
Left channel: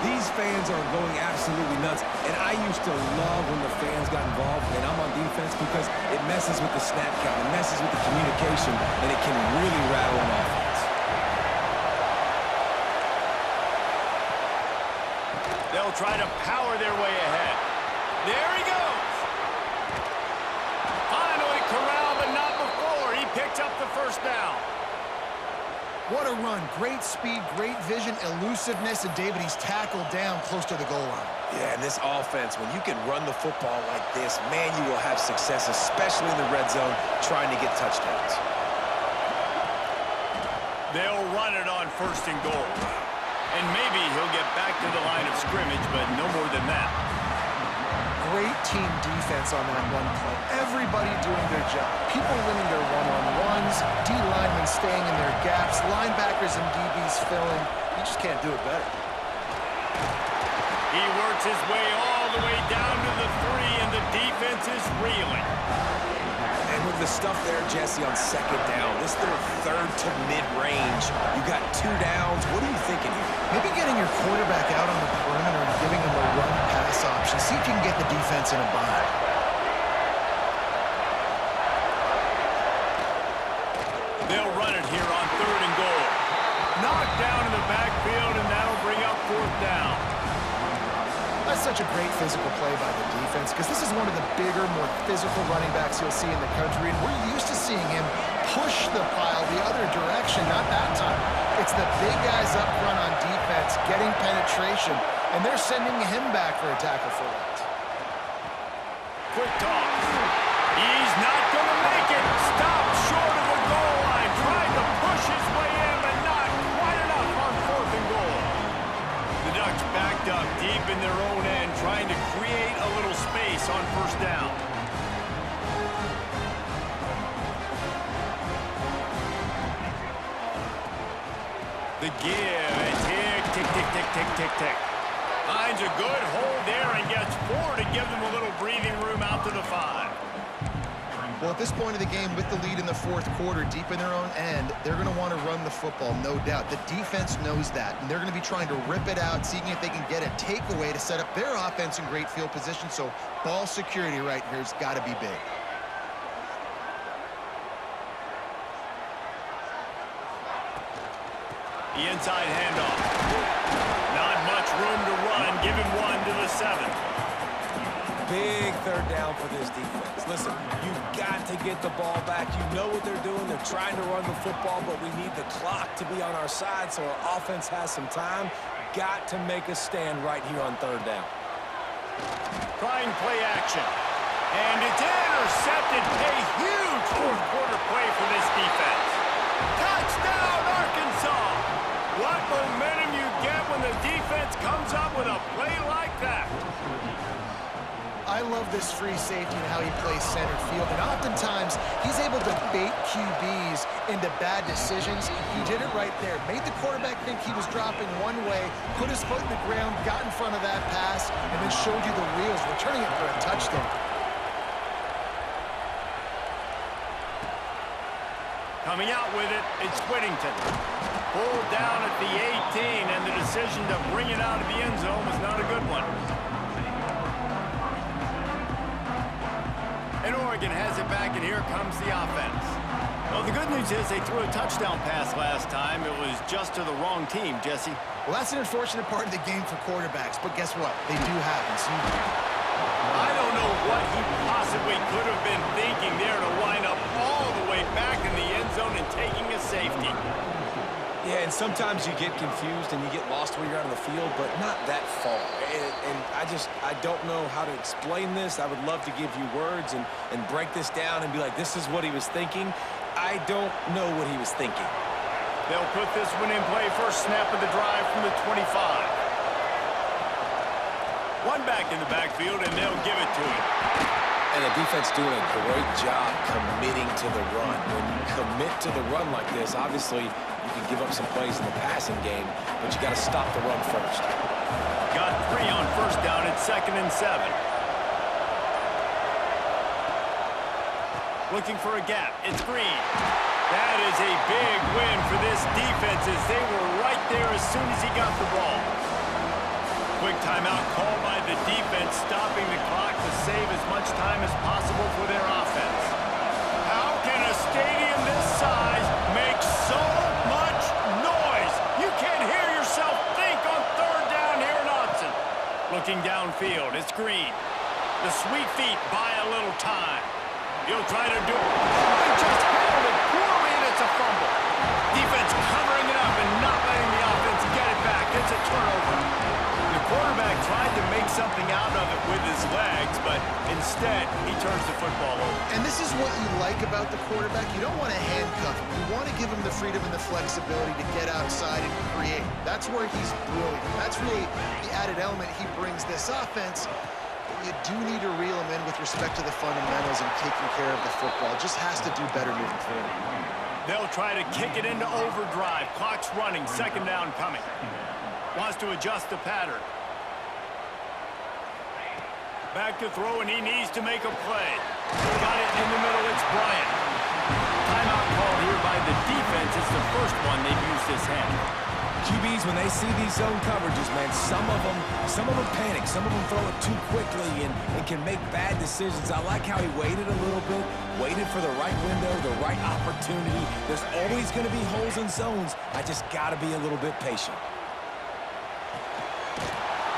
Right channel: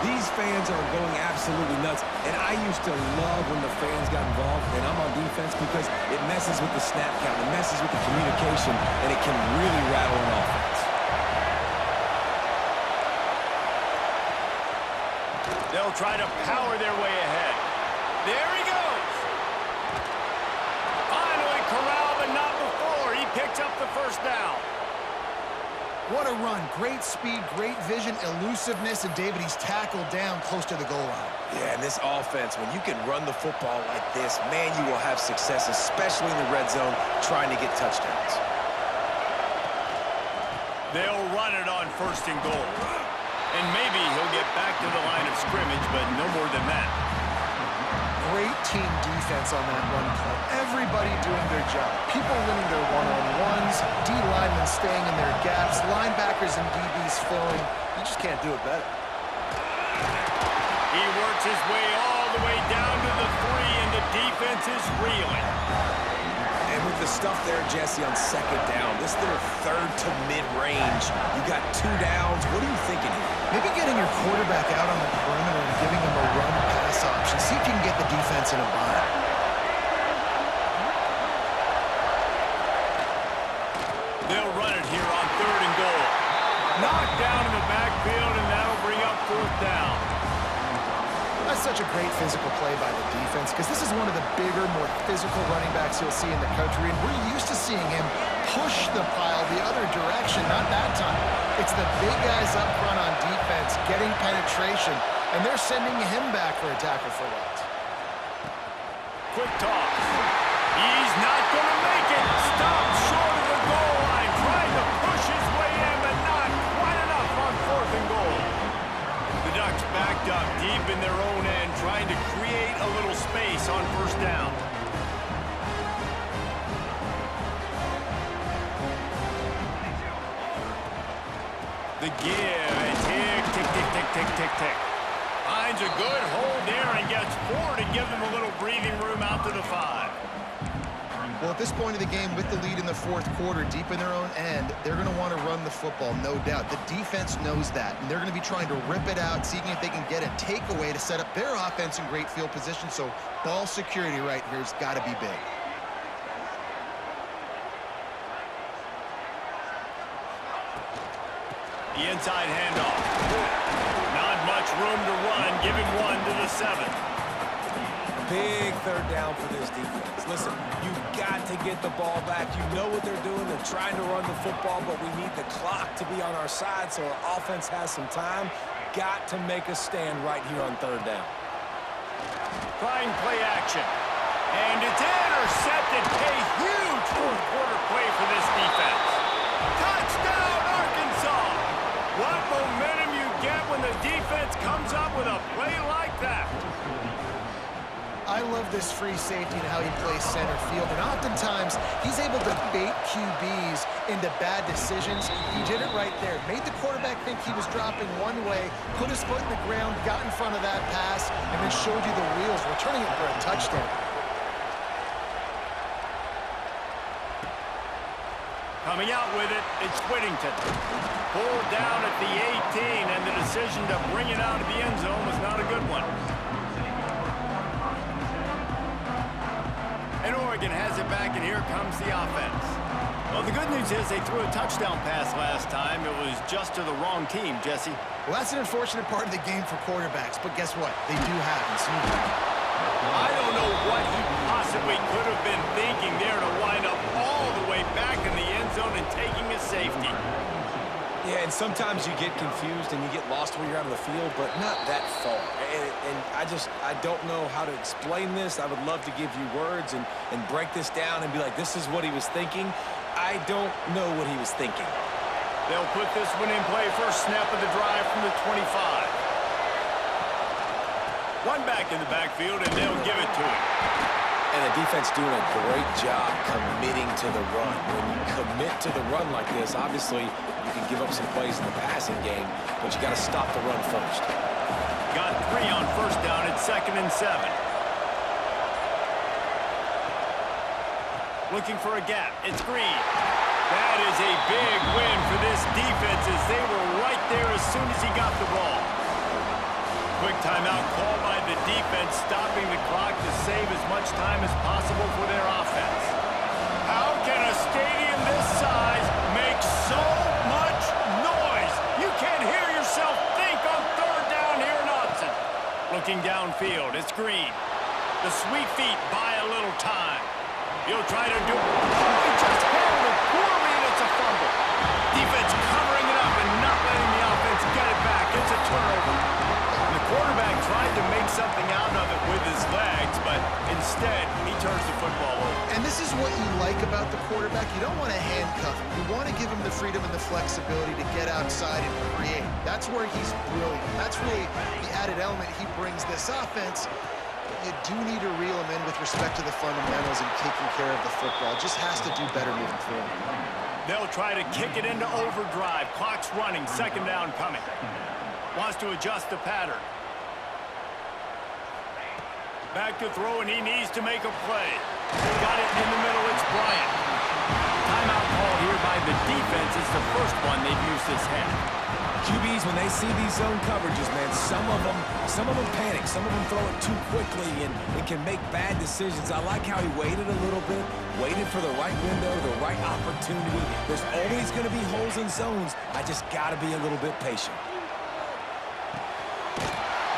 These fans are going absolutely nuts. And I used to love when the fans got involved, and I'm on defense because it messes with the snap count. It messes with the communication, and it can really rattle an offense. They'll try to power their way ahead. There he goes. Finally corralled, but not before. He picks up the first down. What a run. Great speed, great vision, elusiveness, and David, he's tackled down close to the goal line. Yeah, and this offense, when you can run the football like this, man, you will have success, especially in the red zone, trying to get touchdowns. They'll run it on 1st and goal. And maybe he'll get back to the line of scrimmage, but no more than that. Great team defense on that run play. Everybody doing their job. People winning their one-on-ones, D-linemen staying in their gaps, linebackers and DBs filling. You just can't do it better. He works his way all the way down to the 3, and the defense is reeling. And with the stuff there, Jesse, on 2nd down, this is their 3rd to mid-range. You got 2 downs. What are you thinking here? Maybe getting your quarterback out on the perimeter and giving him a run-pass option. See if you can get the defense in a bind. They'll run it here on 3rd and goal. Knocked down in the backfield, and that'll bring up 4th down. That's such a great physical play by the defense because this is one of the bigger, more physical running backs you'll see in the country, and we're used to seeing him push the pile the other direction. Not that time. It's the big guys up front on defense getting penetration, and they're sending him back for a tackle for loss. Quick toss. He's not going to make it. Stopped short of the goal line, trying to push his way Ducks backed up deep in their own end, trying to create a little space on first down. The give, and tick, tick, tick, tick, tick, tick, tick. Finds a good hold there and gets 4 to give them a little breathing room out to the 5. Well, at this point of the game, with the lead in the fourth quarter, deep in their own end, they're going to want to run the football, no doubt. The defense knows that, and they're going to be trying to rip it out, seeing if they can get a takeaway to set up their offense in great field position. So ball security right here has got to be big. The inside handoff. Not much room to run. Give him 1 to the 7. Big third down for this defense. Listen, you've got to get the ball back. You know what they're doing. They're trying to run the football, but we need the clock to be on our side so our offense has some time. Got to make a stand right here on third down. Trying play action. And it's intercepted. A huge fourth quarter play for this defense. Touchdown, Arkansas! What momentum you get when the defense comes up with a play like that. I love this free safety and how he plays center field, and oftentimes he's able to bait QBs into bad decisions. He did it right there. Made the quarterback think he was dropping one way, put his foot in the ground, got in front of that pass, and then showed you the wheels, returning it for a touchdown. Coming out with it, it's Whittington. Pulled down at the 18, and the decision to bring it out of the end zone was not a good one. And Oregon has it back, and here comes the offense. Well, the good news is they threw a touchdown pass last time. It was just to the wrong team, Jesse. Well, that's an unfortunate part of the game for quarterbacks, but guess what? They do happen. So I don't know what he possibly could have been thinking there to wind up all the way back in the end zone and taking a safety. Yeah, and sometimes you get confused and you get lost when you're out of the field, but not that far. And I don't know how to explain this. I would love to give you words and break this down and be like, this is what he was thinking. I don't know what he was thinking. They'll put this one in play, first snap of the drive from the 25. One back in the backfield, and they'll give it to him. And the defense doing a great job committing to the run. When you commit to the run like this, obviously you can give up some plays in the passing game, but you got to stop the run first. Got 3 on first down at 2nd and 7. Looking for a gap. It's Green. That is a big win for this defense as they were right there as soon as he got the ball. Quick timeout called by the defense, stopping the clock to save as much time as possible for their offense. How can a stadium this size make so much noise? You can't hear yourself think on third down here in Autzen. Looking downfield, it's Green. The sweet feet buy a little time. He'll try to do it. Oh, he just handled it poorly, and it's a fumble. Defense covering it up and not letting the offense get it back. It's a turnover. The quarterback tried to make something out of it with his legs, but instead, he turns the football over. And this is what you like about the quarterback. You don't want to handcuff him. You want to give him the freedom and the flexibility to get outside and create. That's where he's brilliant. That's really the added element he brings this offense. But you do need to reel him in with respect to the fundamentals and taking care of the football. Just has to do better moving forward. They'll try to kick it into overdrive. Clock's running. 2nd down coming. Wants to adjust the pattern. Back to throw, and he needs to make a play. Got it in the middle. It's Bryant. Timeout called here by the defense. It's the first one they've used this half. QBs, when they see these zone coverages, man, some of them panic. Some of them throw it too quickly and can make bad decisions. I like how he waited a little bit, waited for the right window, the right opportunity. There's always going to be holes in zones. I just got to be a little bit patient.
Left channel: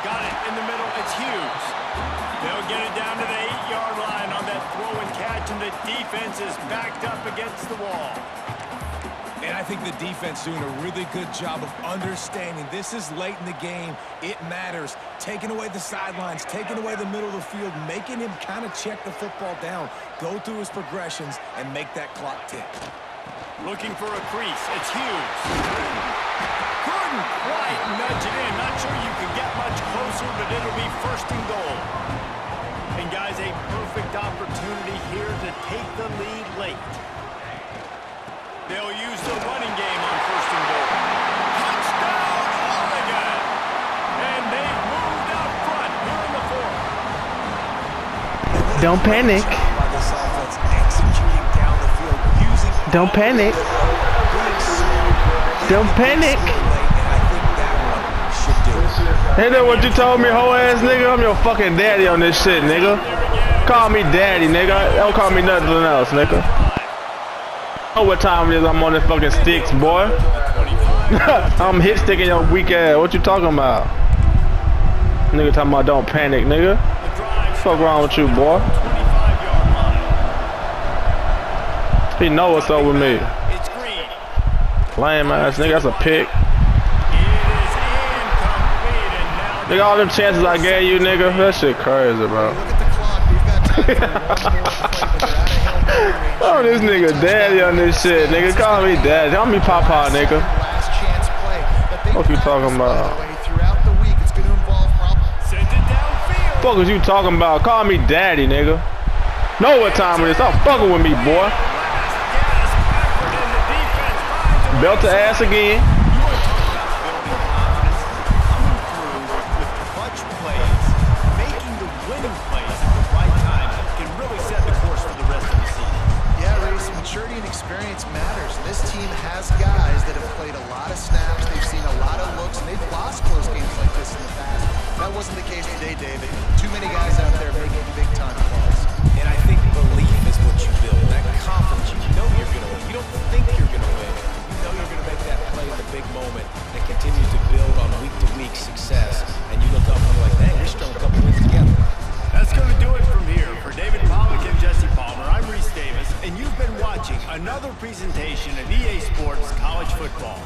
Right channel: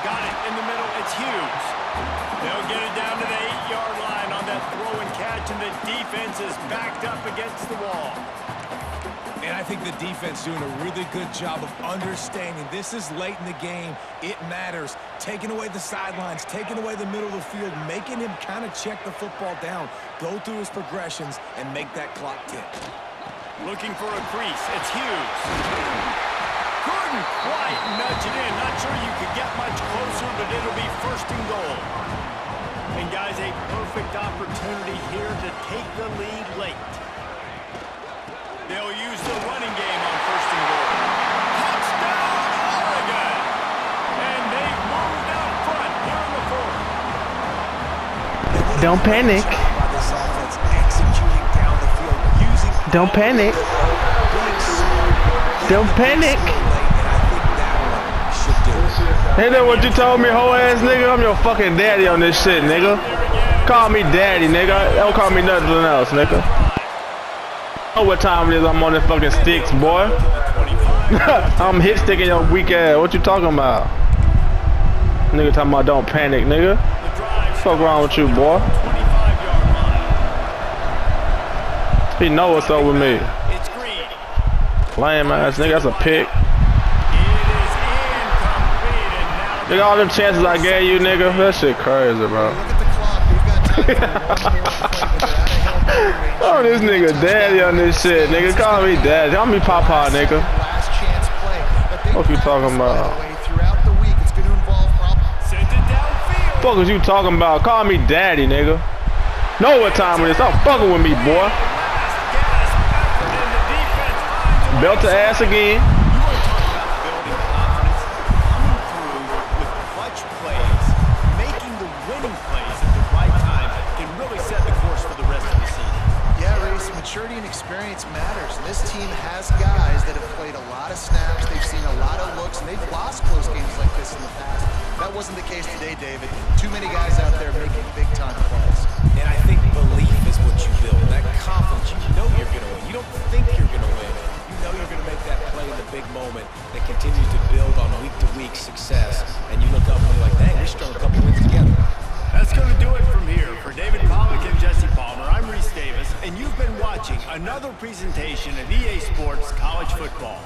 Got it in the middle. It's Hughes. They'll get it down to the 8-yard line on that throw and catch, and the defense is backed up against the wall. And I think the defense doing a really good job of understanding this is late in the game. It matters. Taking away the sidelines, taking away the middle of the field, making him kind of check the football down, go through his progressions, and make that clock tick. Looking for a crease. It's Hughes. Good couldn't quite nudge it in. Not sure you could get much closer, but it'll be first and goal. And guys, a perfect opportunity here to take the lead late. They'll use the running game on first and goal. Touchdown, Oregon! And they've moved out front here in the fourth. Don't panic. By this offense, executing down the field, using Don't panic. being smart. Don't panic. And I think that one should do it. Ain't that what you told me, hoe ass nigga? I'm your fucking daddy on this shit, nigga. Call me daddy, nigga. Don't call me nothing else, nigga. Know what time it is? I'm on this fucking sticks, boy. I'm hit sticking your weak ass. What you talking about? Nigga talking about don't panic, nigga. Fuck wrong with you, boy? 25-yard line. He know what's up with me. It's Green. Lame ass nigga, that's a pick. It is incomplete, and now Nigga, all them chances I gave you, nigga. That shit crazy, bro. Look at the clock. We've got time for one more play, but they're out of Hail Mary range. Oh, this nigga daddy on this shit, nigga. Call me daddy. Call me papa, nigga. Last chance play. But they What you talking practice, by about? the way, throughout the week. It's going to involve send it downfield. Fuck is you talking about? Call me daddy, nigga. Know what time it is. Stop fucking with me, boy. Last gasp effort, and the defense finds a way. Belt to ass again. You want to talk about building confidence? Coming through with clutch plays, making the winning plays at the right time can really set the course for the rest of the season. Yeah, Reese, maturity and experience matters. This team has guys that have played a lot of snaps. They've seen a lot of looks, and they've lost close games like this in the past. That wasn't the case today, David. Too many guys out there making big-time plays. And I think belief is what you build. That confidence, you know you're going to win. You don't think you're going to win. You know you're going to make that play in the big moment that continues to build on week-to-week success. And you look up and you're like, dang, we're strung a couple wins together. That's going to do it from here. For David Pollack and Jesse Palmer, I'm Reese Davis, and you've been watching another presentation of EA Sports College Football.